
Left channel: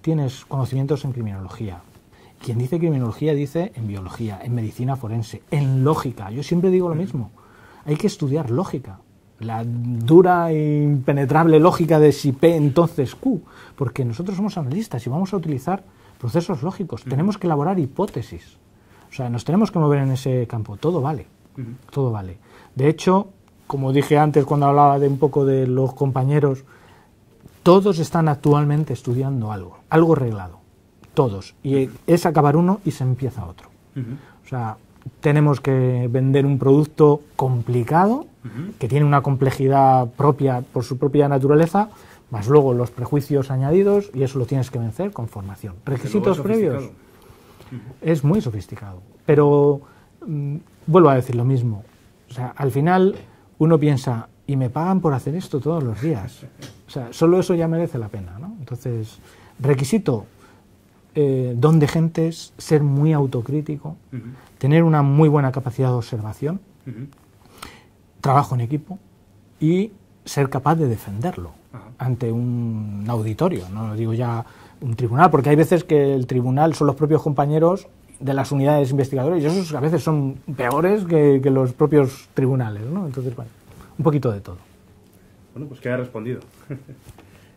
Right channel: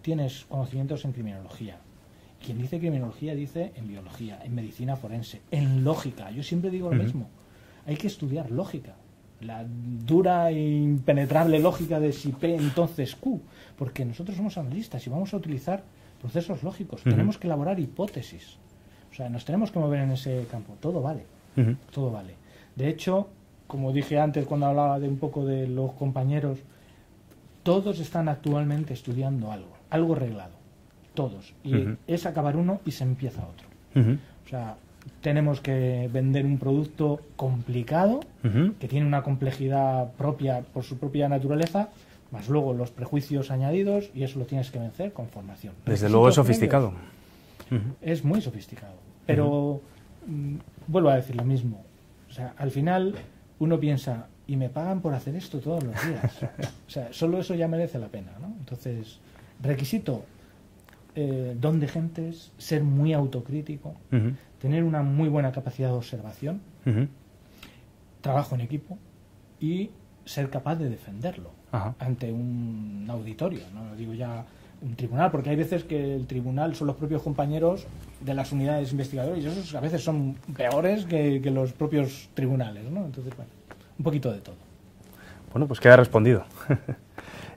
tienes conocimientos en criminología, quien dice criminología dice en biología, en medicina forense, en lógica. Yo siempre digo lo mismo. Hay que estudiar lógica. La dura e impenetrable lógica de si P entonces Q. Porque nosotros somos analistas y vamos a utilizar procesos lógicos. Tenemos que elaborar hipótesis. O sea, nos tenemos que mover en ese campo. Todo vale. Todo vale. De hecho, como dije antes cuando hablaba de un poco de los compañeros, todos están actualmente estudiando algo reglado. Todos. Y es acabar uno y se empieza otro. O sea, tenemos que vender un producto complicado, que tiene una complejidad propia por su propia naturaleza, más luego los prejuicios añadidos, y eso lo tienes que vencer con formación. Desde luego es sofisticado. Es muy sofisticado. Pero vuelvo a decir lo mismo. O sea, al final uno piensa, y me pagan por hacer esto todos los días. O sea, solo eso ya merece la pena, ¿no? Entonces, requisito, don de gentes, ser muy autocrítico, tener una muy buena capacidad de observación, trabajo en equipo y ser capaz de defenderlo ante un auditorio, no lo digo ya un tribunal, porque hay veces que el tribunal son los propios compañeros de las unidades investigadoras y esos a veces son peores que los propios tribunales, ¿no? Entonces, bueno, un poquito de todo. Bueno, pues queda respondido.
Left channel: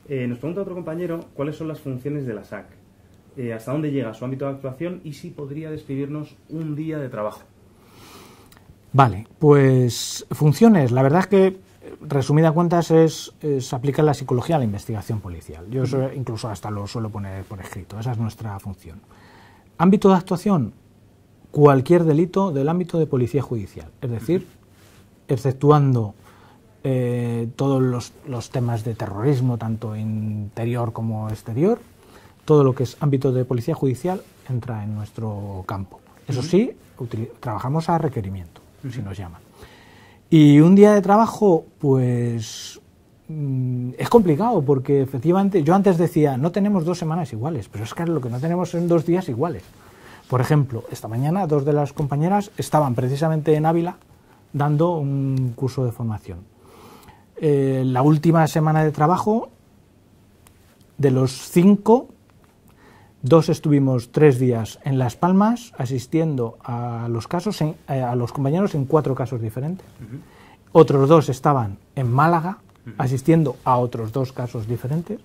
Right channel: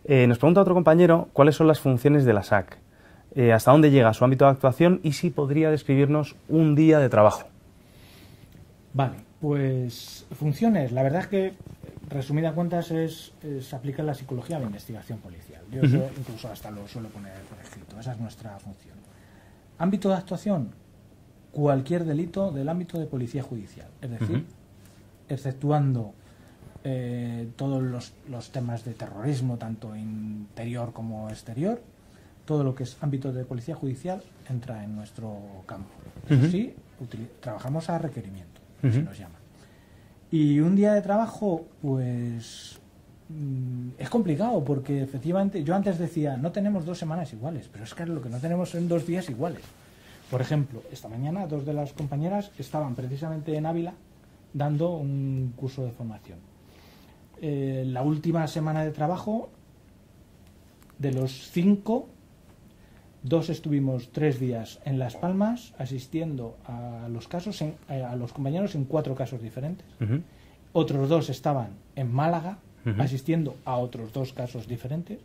Nos pregunta otro compañero cuáles son las funciones de la SAC, hasta dónde llega su ámbito de actuación y si podría describirnos un día de trabajo. Vale, pues funciones, la verdad es que, resumida cuentas, es aplicar la psicología a la investigación policial. Yo eso incluso hasta lo suelo poner por escrito, esa es nuestra función. Ámbito de actuación, cualquier delito del ámbito de policía judicial, es decir, exceptuando todos los temas de terrorismo, tanto interior como exterior, todo lo que es ámbito de policía judicial entra en nuestro campo. Eso sí, trabajamos a requerimiento, si nos llaman. Y un día de trabajo, pues es complicado, porque efectivamente yo antes decía, no tenemos 2 semanas iguales, pero es que lo que no tenemos son 2 días iguales. Por ejemplo, esta mañana 2 de las compañeras estaban precisamente en Ávila dando un curso de formación. La última semana de trabajo, de los 5, 2 estuvimos 3 días en Las Palmas asistiendo a los casos, a los compañeros en 4 casos diferentes. Otros 2 estaban en Málaga asistiendo a otros 2 casos diferentes,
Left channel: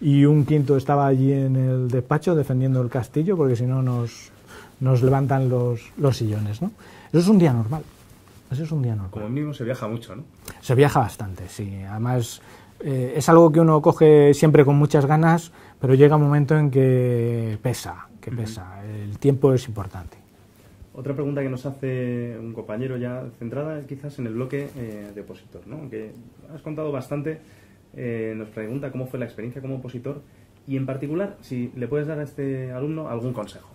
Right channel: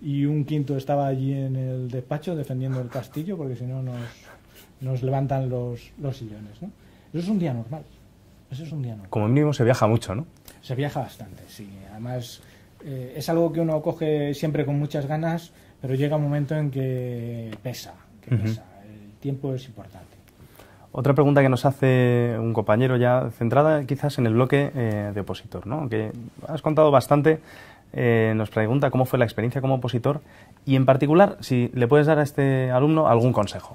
y un quinto estaba allí en el despacho defendiendo el castillo, porque si no nos levantan los sillones, ¿no? Eso es un día normal. Eso es un día normal. Como mínimo se viaja mucho, ¿no? Se viaja bastante, sí. Además, es algo que uno coge siempre con muchas ganas, pero llega un momento en que pesa, El tiempo es importante. Otra pregunta que nos hace un compañero, ya centrada quizás en el bloque de opositor, ¿no? Que has contado bastante, nos pregunta cómo fue la experiencia como opositor y, en particular, si le puedes dar a este alumno algún consejo.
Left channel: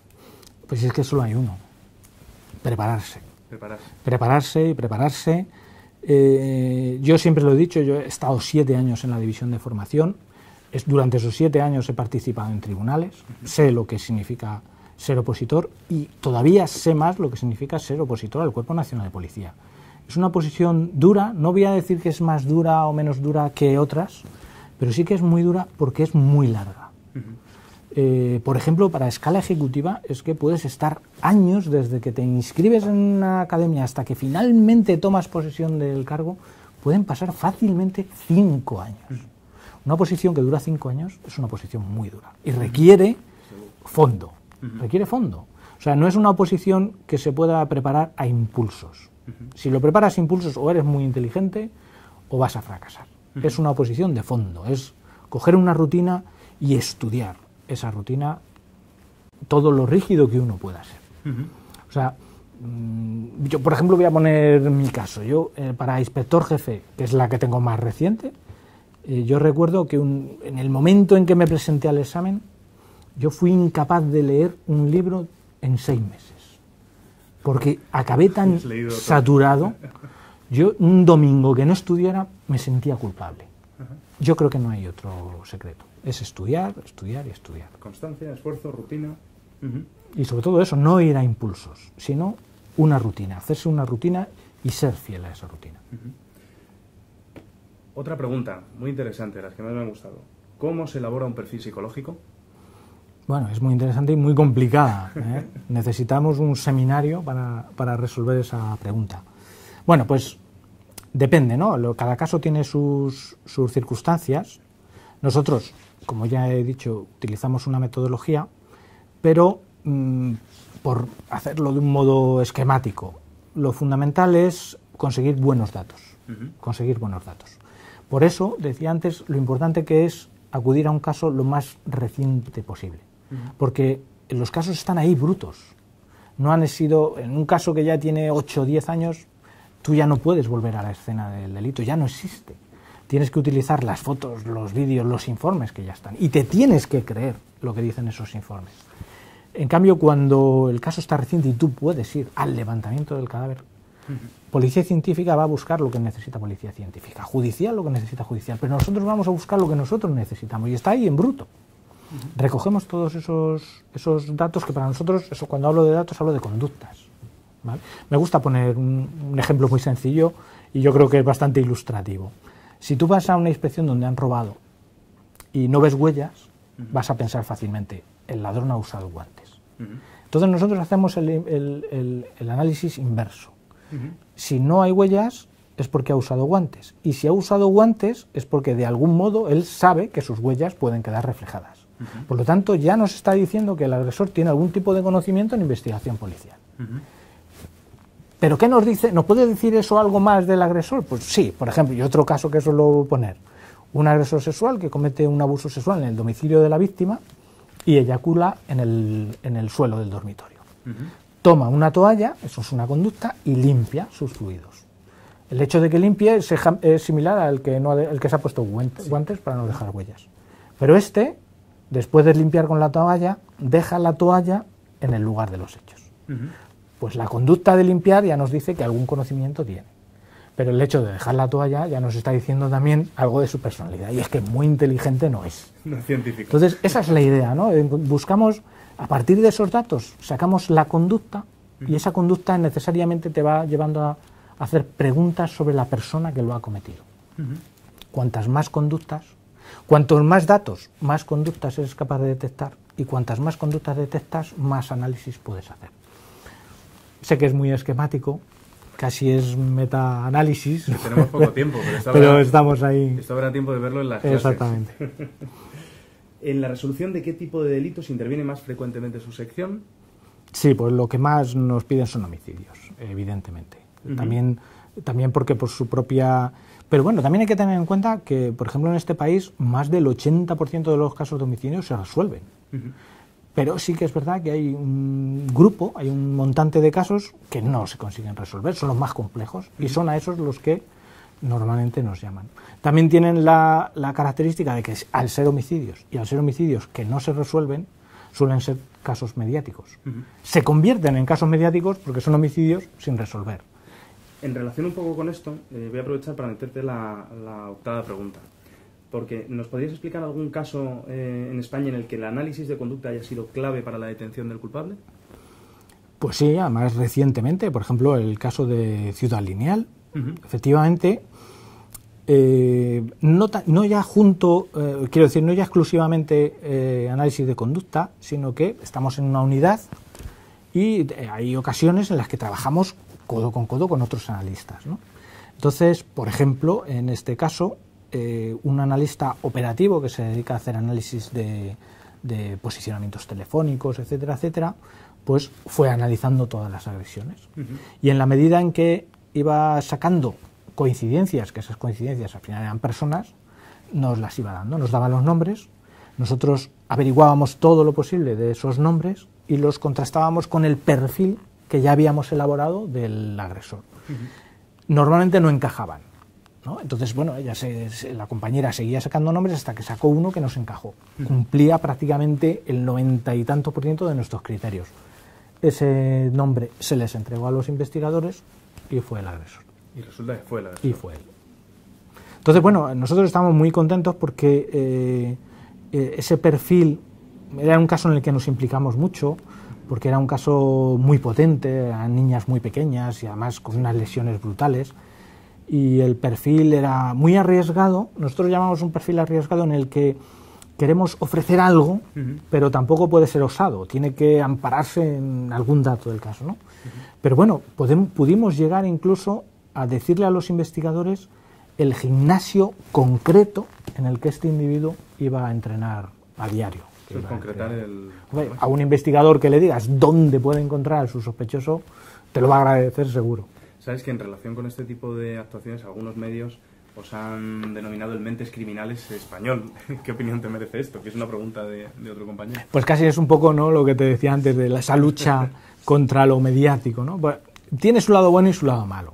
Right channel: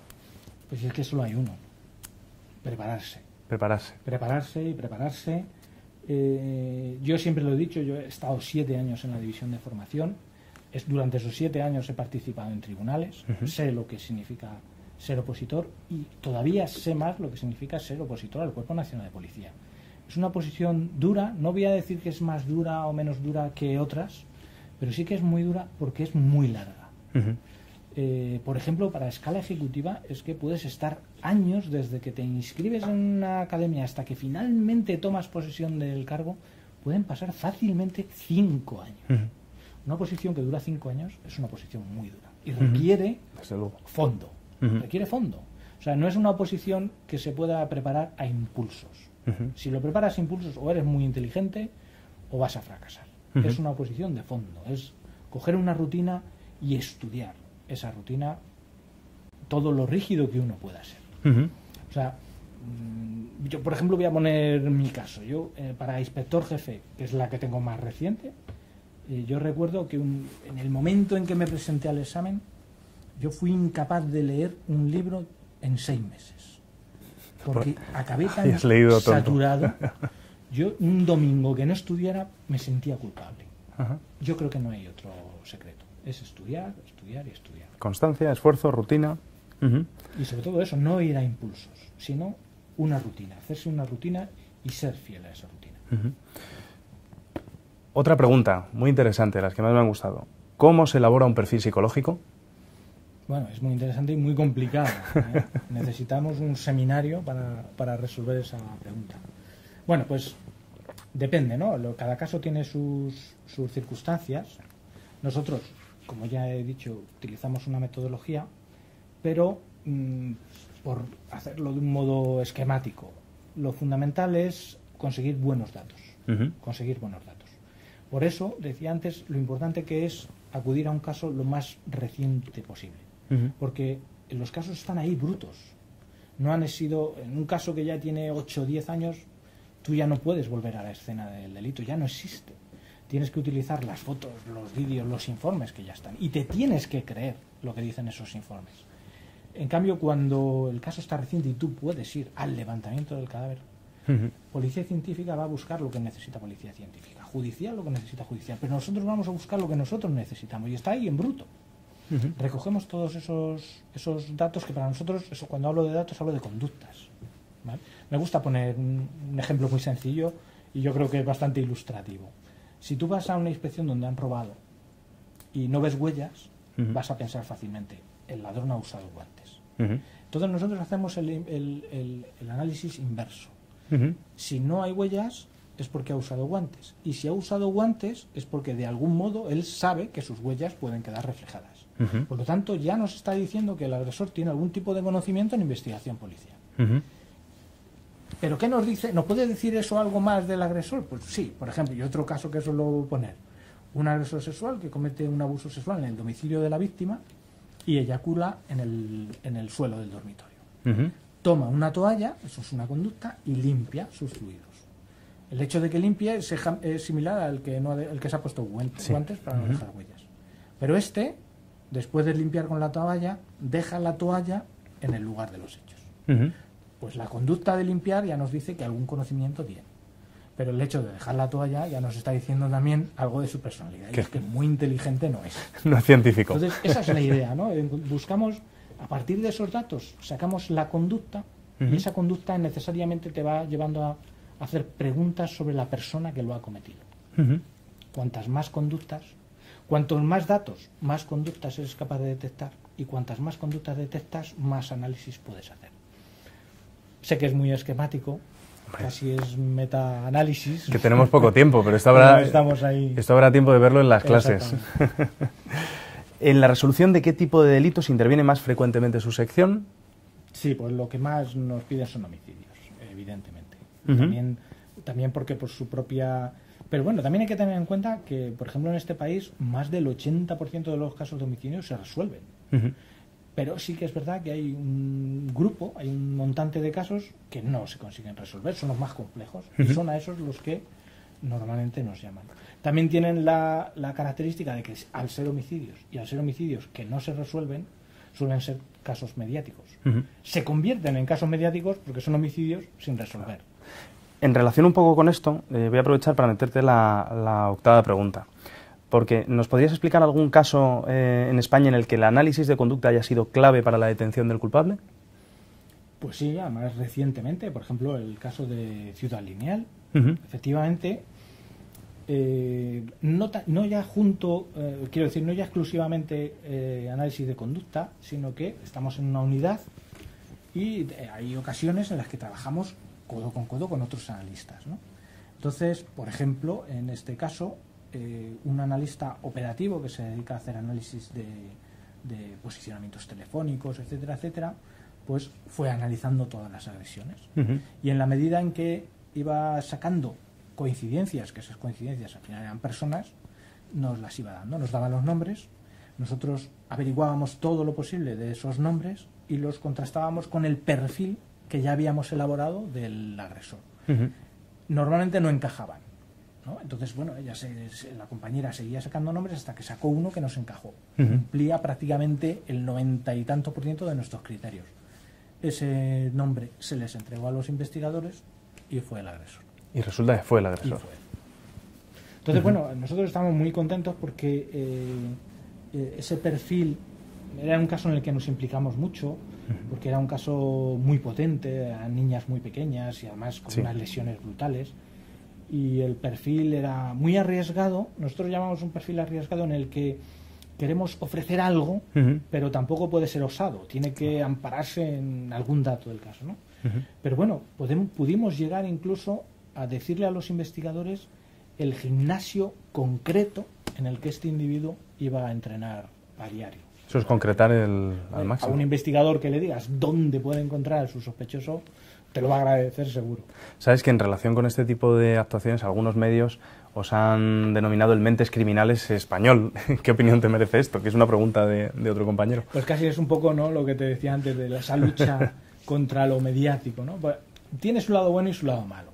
Pues es que solo hay uno: prepararse. Prepararse y prepararse. Yo siempre lo he dicho, yo he estado 7 años en la división de formación. Durante esos 7 años he participado en tribunales, sé lo que significa ser opositor y todavía sé más lo que significa ser opositor al Cuerpo Nacional de Policía. Es una posición dura, no voy a decir que es más dura o menos dura que otras, pero sí que es muy dura porque es muy larga. Por ejemplo, para escala ejecutiva es que puedes estar años desde que te inscribes en una academia hasta que finalmente tomas posesión del cargo, pueden pasar fácilmente 5 años. Una posición que dura 5 años es una posición muy dura y requiere fondo. Requiere fondo. O sea, no es una oposición que se pueda preparar a impulsos. Si lo preparas a impulsos, o eres muy inteligente o vas a fracasar. Es una oposición de fondo. Es coger una rutina y estudiar esa rutina, todo lo rígido que uno pueda ser. O sea, yo, por ejemplo, voy a poner mi caso. Yo, para inspector jefe, que es la que tengo más reciente, yo recuerdo que en el momento en que me presenté al examen, yo fui incapaz de leer un libro en 6 meses. Porque acabé tan saturado. Yo, un domingo que no estudiara, me sentía culpable. Yo creo que no hay otro secreto. Es estudiar, estudiar y estudiar. Constancia, esfuerzo, rutina. Y sobre todo eso, no ir a impulsos, sino una rutina. Hacerse una rutina y ser fiel a esa rutina. Otra pregunta muy interesante, las que más me han gustado. ¿Cómo se elabora un perfil psicológico? Bueno, es muy interesante y muy complicada, ¿eh? Necesitamos un seminario para resolver esa pregunta. Bueno, pues depende, ¿no? Cada caso tiene sus circunstancias. Nosotros, como ya he dicho, utilizamos una metodología, pero por hacerlo de un modo esquemático, lo fundamental es conseguir buenos datos. Conseguir buenos datos. Por eso, decía antes, lo importante que es acudir a un caso lo más reciente posible. Porque los casos están ahí brutos. No han sido, en un caso que ya tiene 8 o 10 años, tú ya no puedes volver a la escena del delito, ya no existe. Tienes que utilizar las fotos, los vídeos, los informes que ya están. Y te tienes que creer lo que dicen esos informes. En cambio, cuando el caso está reciente y tú puedes ir al levantamiento del cadáver, policía científica va a buscar lo que necesita policía científica, judicial lo que necesita judicial, pero nosotros vamos a buscar lo que nosotros necesitamos y está ahí en bruto. Recogemos todos esos datos que para nosotros, cuando hablo de datos, hablo de conductas, ¿vale? Me gusta poner un ejemplo muy sencillo y yo creo que es bastante ilustrativo. Si tú vas a una inspección donde han robado y no ves huellas, vas a pensar fácilmente, el ladrón ha usado guantes. Entonces nosotros hacemos el análisis inverso. Si no hay huellas, es porque ha usado guantes. Y si ha usado guantes, es porque de algún modo él sabe que sus huellas pueden quedar reflejadas. Por lo tanto, ya nos está diciendo que el agresor tiene algún tipo de conocimiento en investigación policial. ¿Pero qué nos dice? ¿Nos puede decir eso algo más del agresor? Pues sí, por ejemplo, y otro caso que suelo poner. Un agresor sexual que comete un abuso sexual en el domicilio de la víctima y eyacula en el suelo del dormitorio. Toma una toalla, eso es una conducta, y limpia sus fluidos. El hecho de que limpie es similar al que, el que se ha puesto guantes para no dejar huellas. Pero después de limpiar con la toalla, deja la toalla en el lugar de los hechos. Pues la conducta de limpiar ya nos dice que algún conocimiento tiene. Pero el hecho de dejar la toalla ya nos está diciendo también algo de su personalidad. Y es que muy inteligente no es. No es científico. Entonces, esa es la idea, ¿no? Buscamos, a partir de esos datos, sacamos la conducta y esa conducta necesariamente te va llevando a hacer preguntas sobre la persona que lo ha cometido. Cuantas más conductas, cuantos más datos, más conductas eres capaz de detectar, y cuantas más conductas detectas, más análisis puedes hacer. Sé que es muy esquemático, casi es metaanálisis. Que tenemos poco tiempo, pero estamos ahí. Esto habrá tiempo de verlo en las clases. Exactamente. ¿En la resolución de qué tipo de delitos interviene más frecuentemente su sección? Sí, pues lo que más nos piden son homicidios, evidentemente. También porque por su propia... Pero bueno, también hay que tener en cuenta que, por ejemplo, en este país, más del 80% de los casos de homicidios se resuelven. Pero sí que es verdad que hay un grupo, hay un montante de casos que no se consiguen resolver, son los más complejos, y son a esos los que normalmente nos llaman. También tienen la característica de que al ser homicidios, y al ser homicidios que no se resuelven, suelen ser casos mediáticos. Se convierten en casos mediáticos porque son homicidios sin resolver. En relación un poco con esto, voy a aprovechar para meterte la octava pregunta. Porque ¿nos podrías explicar algún caso en España en el que el análisis de conducta haya sido clave para la detención del culpable? Pues sí, además recientemente, por ejemplo, el caso de Ciudad Lineal. Efectivamente, no ya exclusivamente análisis de conducta, sino que estamos en una unidad y hay ocasiones en las que trabajamos codo con otros analistas, ¿no? Entonces, por ejemplo, en este caso, un analista operativo que se dedica a hacer análisis de posicionamientos telefónicos, etcétera, etcétera, pues fue analizando todas las agresiones. Y en la medida en que iba sacando coincidencias, que esas coincidencias al final eran personas, nos las iba dando, nos daban los nombres, nosotros averiguábamos todo lo posible de esos nombres y los contrastábamos con el perfil que ya habíamos elaborado del agresor. Normalmente no encajaban, ¿no? Entonces, bueno, la compañera seguía sacando nombres hasta que sacó uno que nos encajó. Cumplía prácticamente el 90 y tanto % de nuestros criterios. Ese nombre se les entregó a los investigadores y fue el agresor. Y resulta que fue el agresor. Y fue él. Entonces, bueno, nosotros estamos muy contentos porque ese perfil era un caso en el que nos implicamos mucho, porque era un caso muy potente, a niñas muy pequeñas y además con unas lesiones brutales. Y el perfil era muy arriesgado. Nosotros llamamos un perfil arriesgado en el que queremos ofrecer algo, pero tampoco puede ser osado. Tiene que ampararse en algún dato del caso, ¿no? Pero bueno, pudimos llegar incluso a decirle a los investigadores el gimnasio concreto en el que este individuo iba a entrenar a diario. Eso es concretar a un investigador que le digas dónde puede encontrar a su sospechoso, te lo va a agradecer seguro. Sabes que en relación con este tipo de actuaciones, algunos medios os han denominado el mentes criminales español. ¿Qué opinión te merece esto? Que es una pregunta de otro compañero. Pues casi es un poco, ¿no?, lo que te decía antes de esa lucha contra lo mediático, ¿no? Pues, tiene su lado bueno y su lado malo.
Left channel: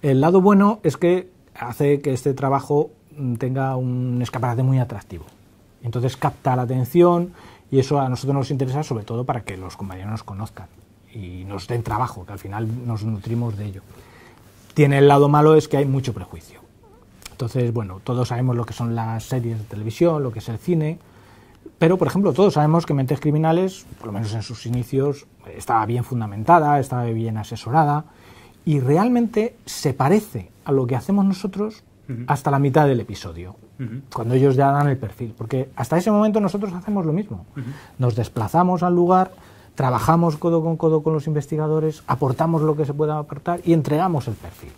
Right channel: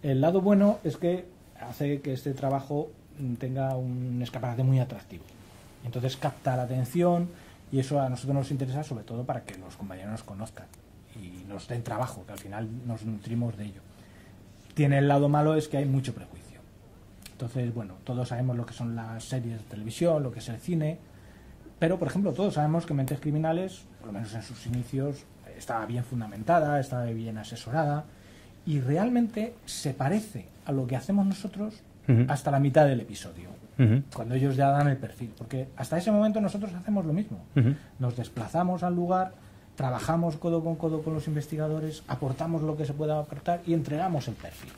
El lado bueno es que hace que este trabajo tenga un escaparate muy atractivo. Entonces capta la atención y eso a nosotros nos interesa sobre todo para que los compañeros nos conozcan y nos den trabajo, que al final nos nutrimos de ello. Tiene el lado malo, es que hay mucho prejuicio. Entonces, bueno, todos sabemos lo que son las series de televisión, lo que es el cine, pero, por ejemplo, todos sabemos que Mentes Criminales, por lo menos en sus inicios, estaba bien fundamentada, estaba bien asesorada y realmente se parece a lo que hacemos nosotros hasta la mitad del episodio, cuando ellos ya dan el perfil, porque hasta ese momento nosotros hacemos lo mismo. Nos desplazamos al lugar, trabajamos codo con los investigadores, aportamos lo que se pueda aportar y entregamos el perfil.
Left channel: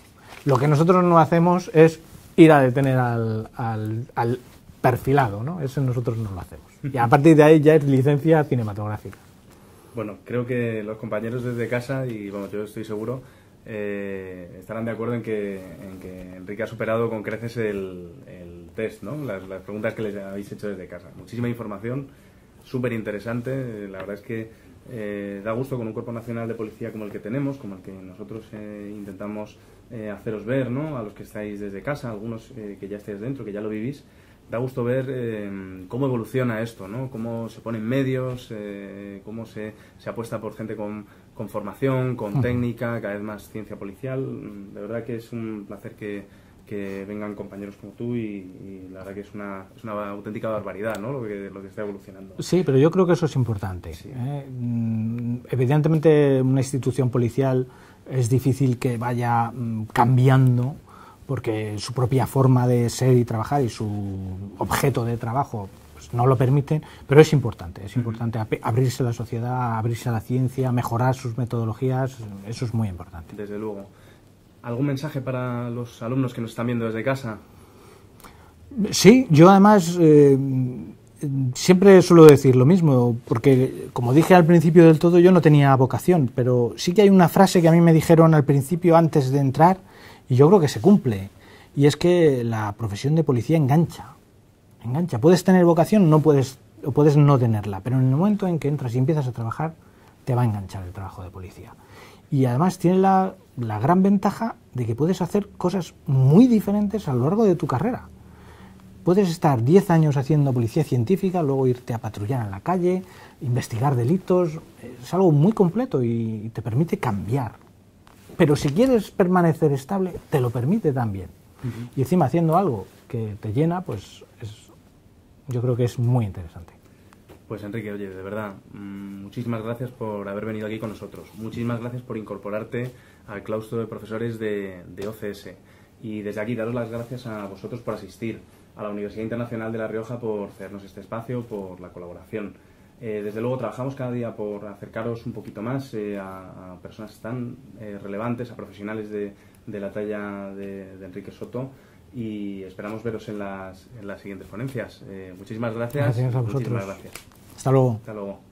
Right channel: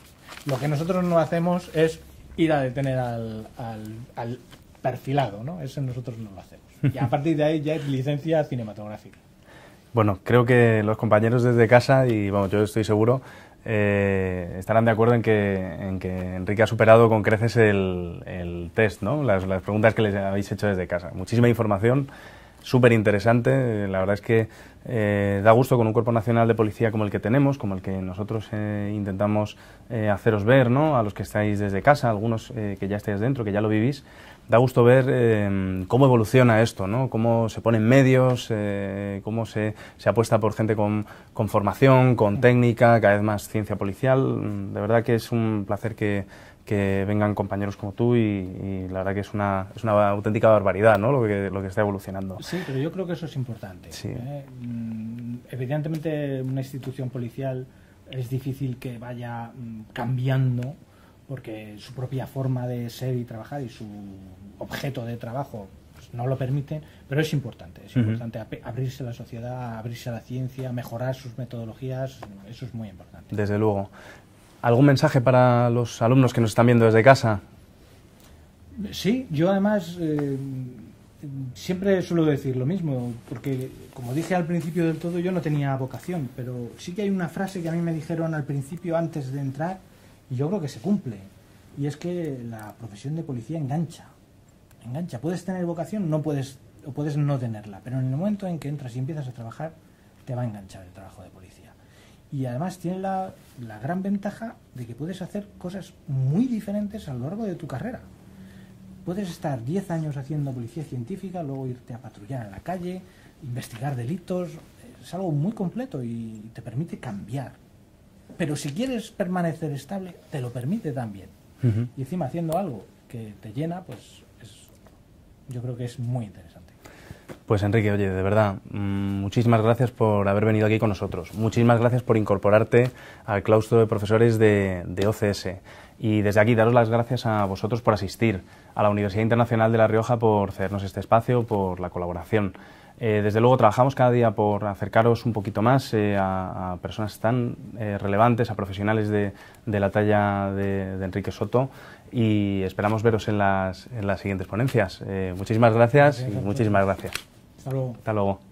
Lo que nosotros no hacemos es ir a detener al perfilado, ¿no? Eso nosotros no lo hacemos. Y a partir de ahí ya es licencia cinematográfica. Bueno, creo que los compañeros desde casa, y vamos, yo estoy seguro, estarán de acuerdo en que Enrique ha superado con creces el test, ¿no? Las preguntas que les habéis hecho desde casa. Muchísima información, súper interesante. La verdad es que Da gusto con un Cuerpo Nacional de Policía como el que tenemos, como el que nosotros intentamos haceros ver, ¿no? A los que estáis desde casa, algunos que ya estáis dentro, que ya lo vivís. Da gusto ver cómo evoluciona esto, ¿no? Cómo se ponen medios, cómo se apuesta por gente con formación, con técnica, cada vez más ciencia policial. De verdad que es un placer que vengan compañeros como tú y la verdad que es una auténtica barbaridad, ¿no? Lo que está evolucionando. Sí, pero yo creo que eso es importante. Sí. Evidentemente una institución policial es difícil que vaya cambiando, porque su propia forma de ser y trabajar y su objeto de trabajo pues, no lo permite, pero es importante abrirse a la sociedad, abrirse a la ciencia, mejorar sus metodologías, eso es muy importante. Desde luego. ¿Algún mensaje para los alumnos que nos están viendo desde casa? Sí, yo además siempre suelo decir lo mismo, porque como dije al principio del todo, yo no tenía vocación, pero sí que hay una frase que a mí me dijeron al principio antes de entrar, y yo creo que se cumple, y es que la profesión de policía engancha. Puedes tener vocación o puedes no tenerla, pero en el momento en que entras y empiezas a trabajar, te va a enganchar el trabajo de policía. Y además tiene la gran ventaja de que puedes hacer cosas muy diferentes a lo largo de tu carrera. Puedes estar 10 años haciendo policía científica, luego irte a patrullar en la calle, investigar delitos. Es algo muy completo y te permite cambiar. Pero si quieres permanecer estable, te lo permite también. Y encima haciendo algo que te llena, pues yo creo que es muy interesante. Pues Enrique, oye, de verdad, muchísimas gracias por haber venido aquí con nosotros. Muchísimas gracias por incorporarte al claustro de profesores de OCS. Y desde aquí daros las gracias a vosotros por asistir, a la Universidad Internacional de La Rioja por cedernos este espacio, por la colaboración. Desde luego trabajamos cada día por acercaros un poquito más a personas tan relevantes, a profesionales de la talla de Enrique Soto, y esperamos veros en las siguientes ponencias. Muchísimas gracias. Muchísimas gracias. Hasta luego. Hasta luego.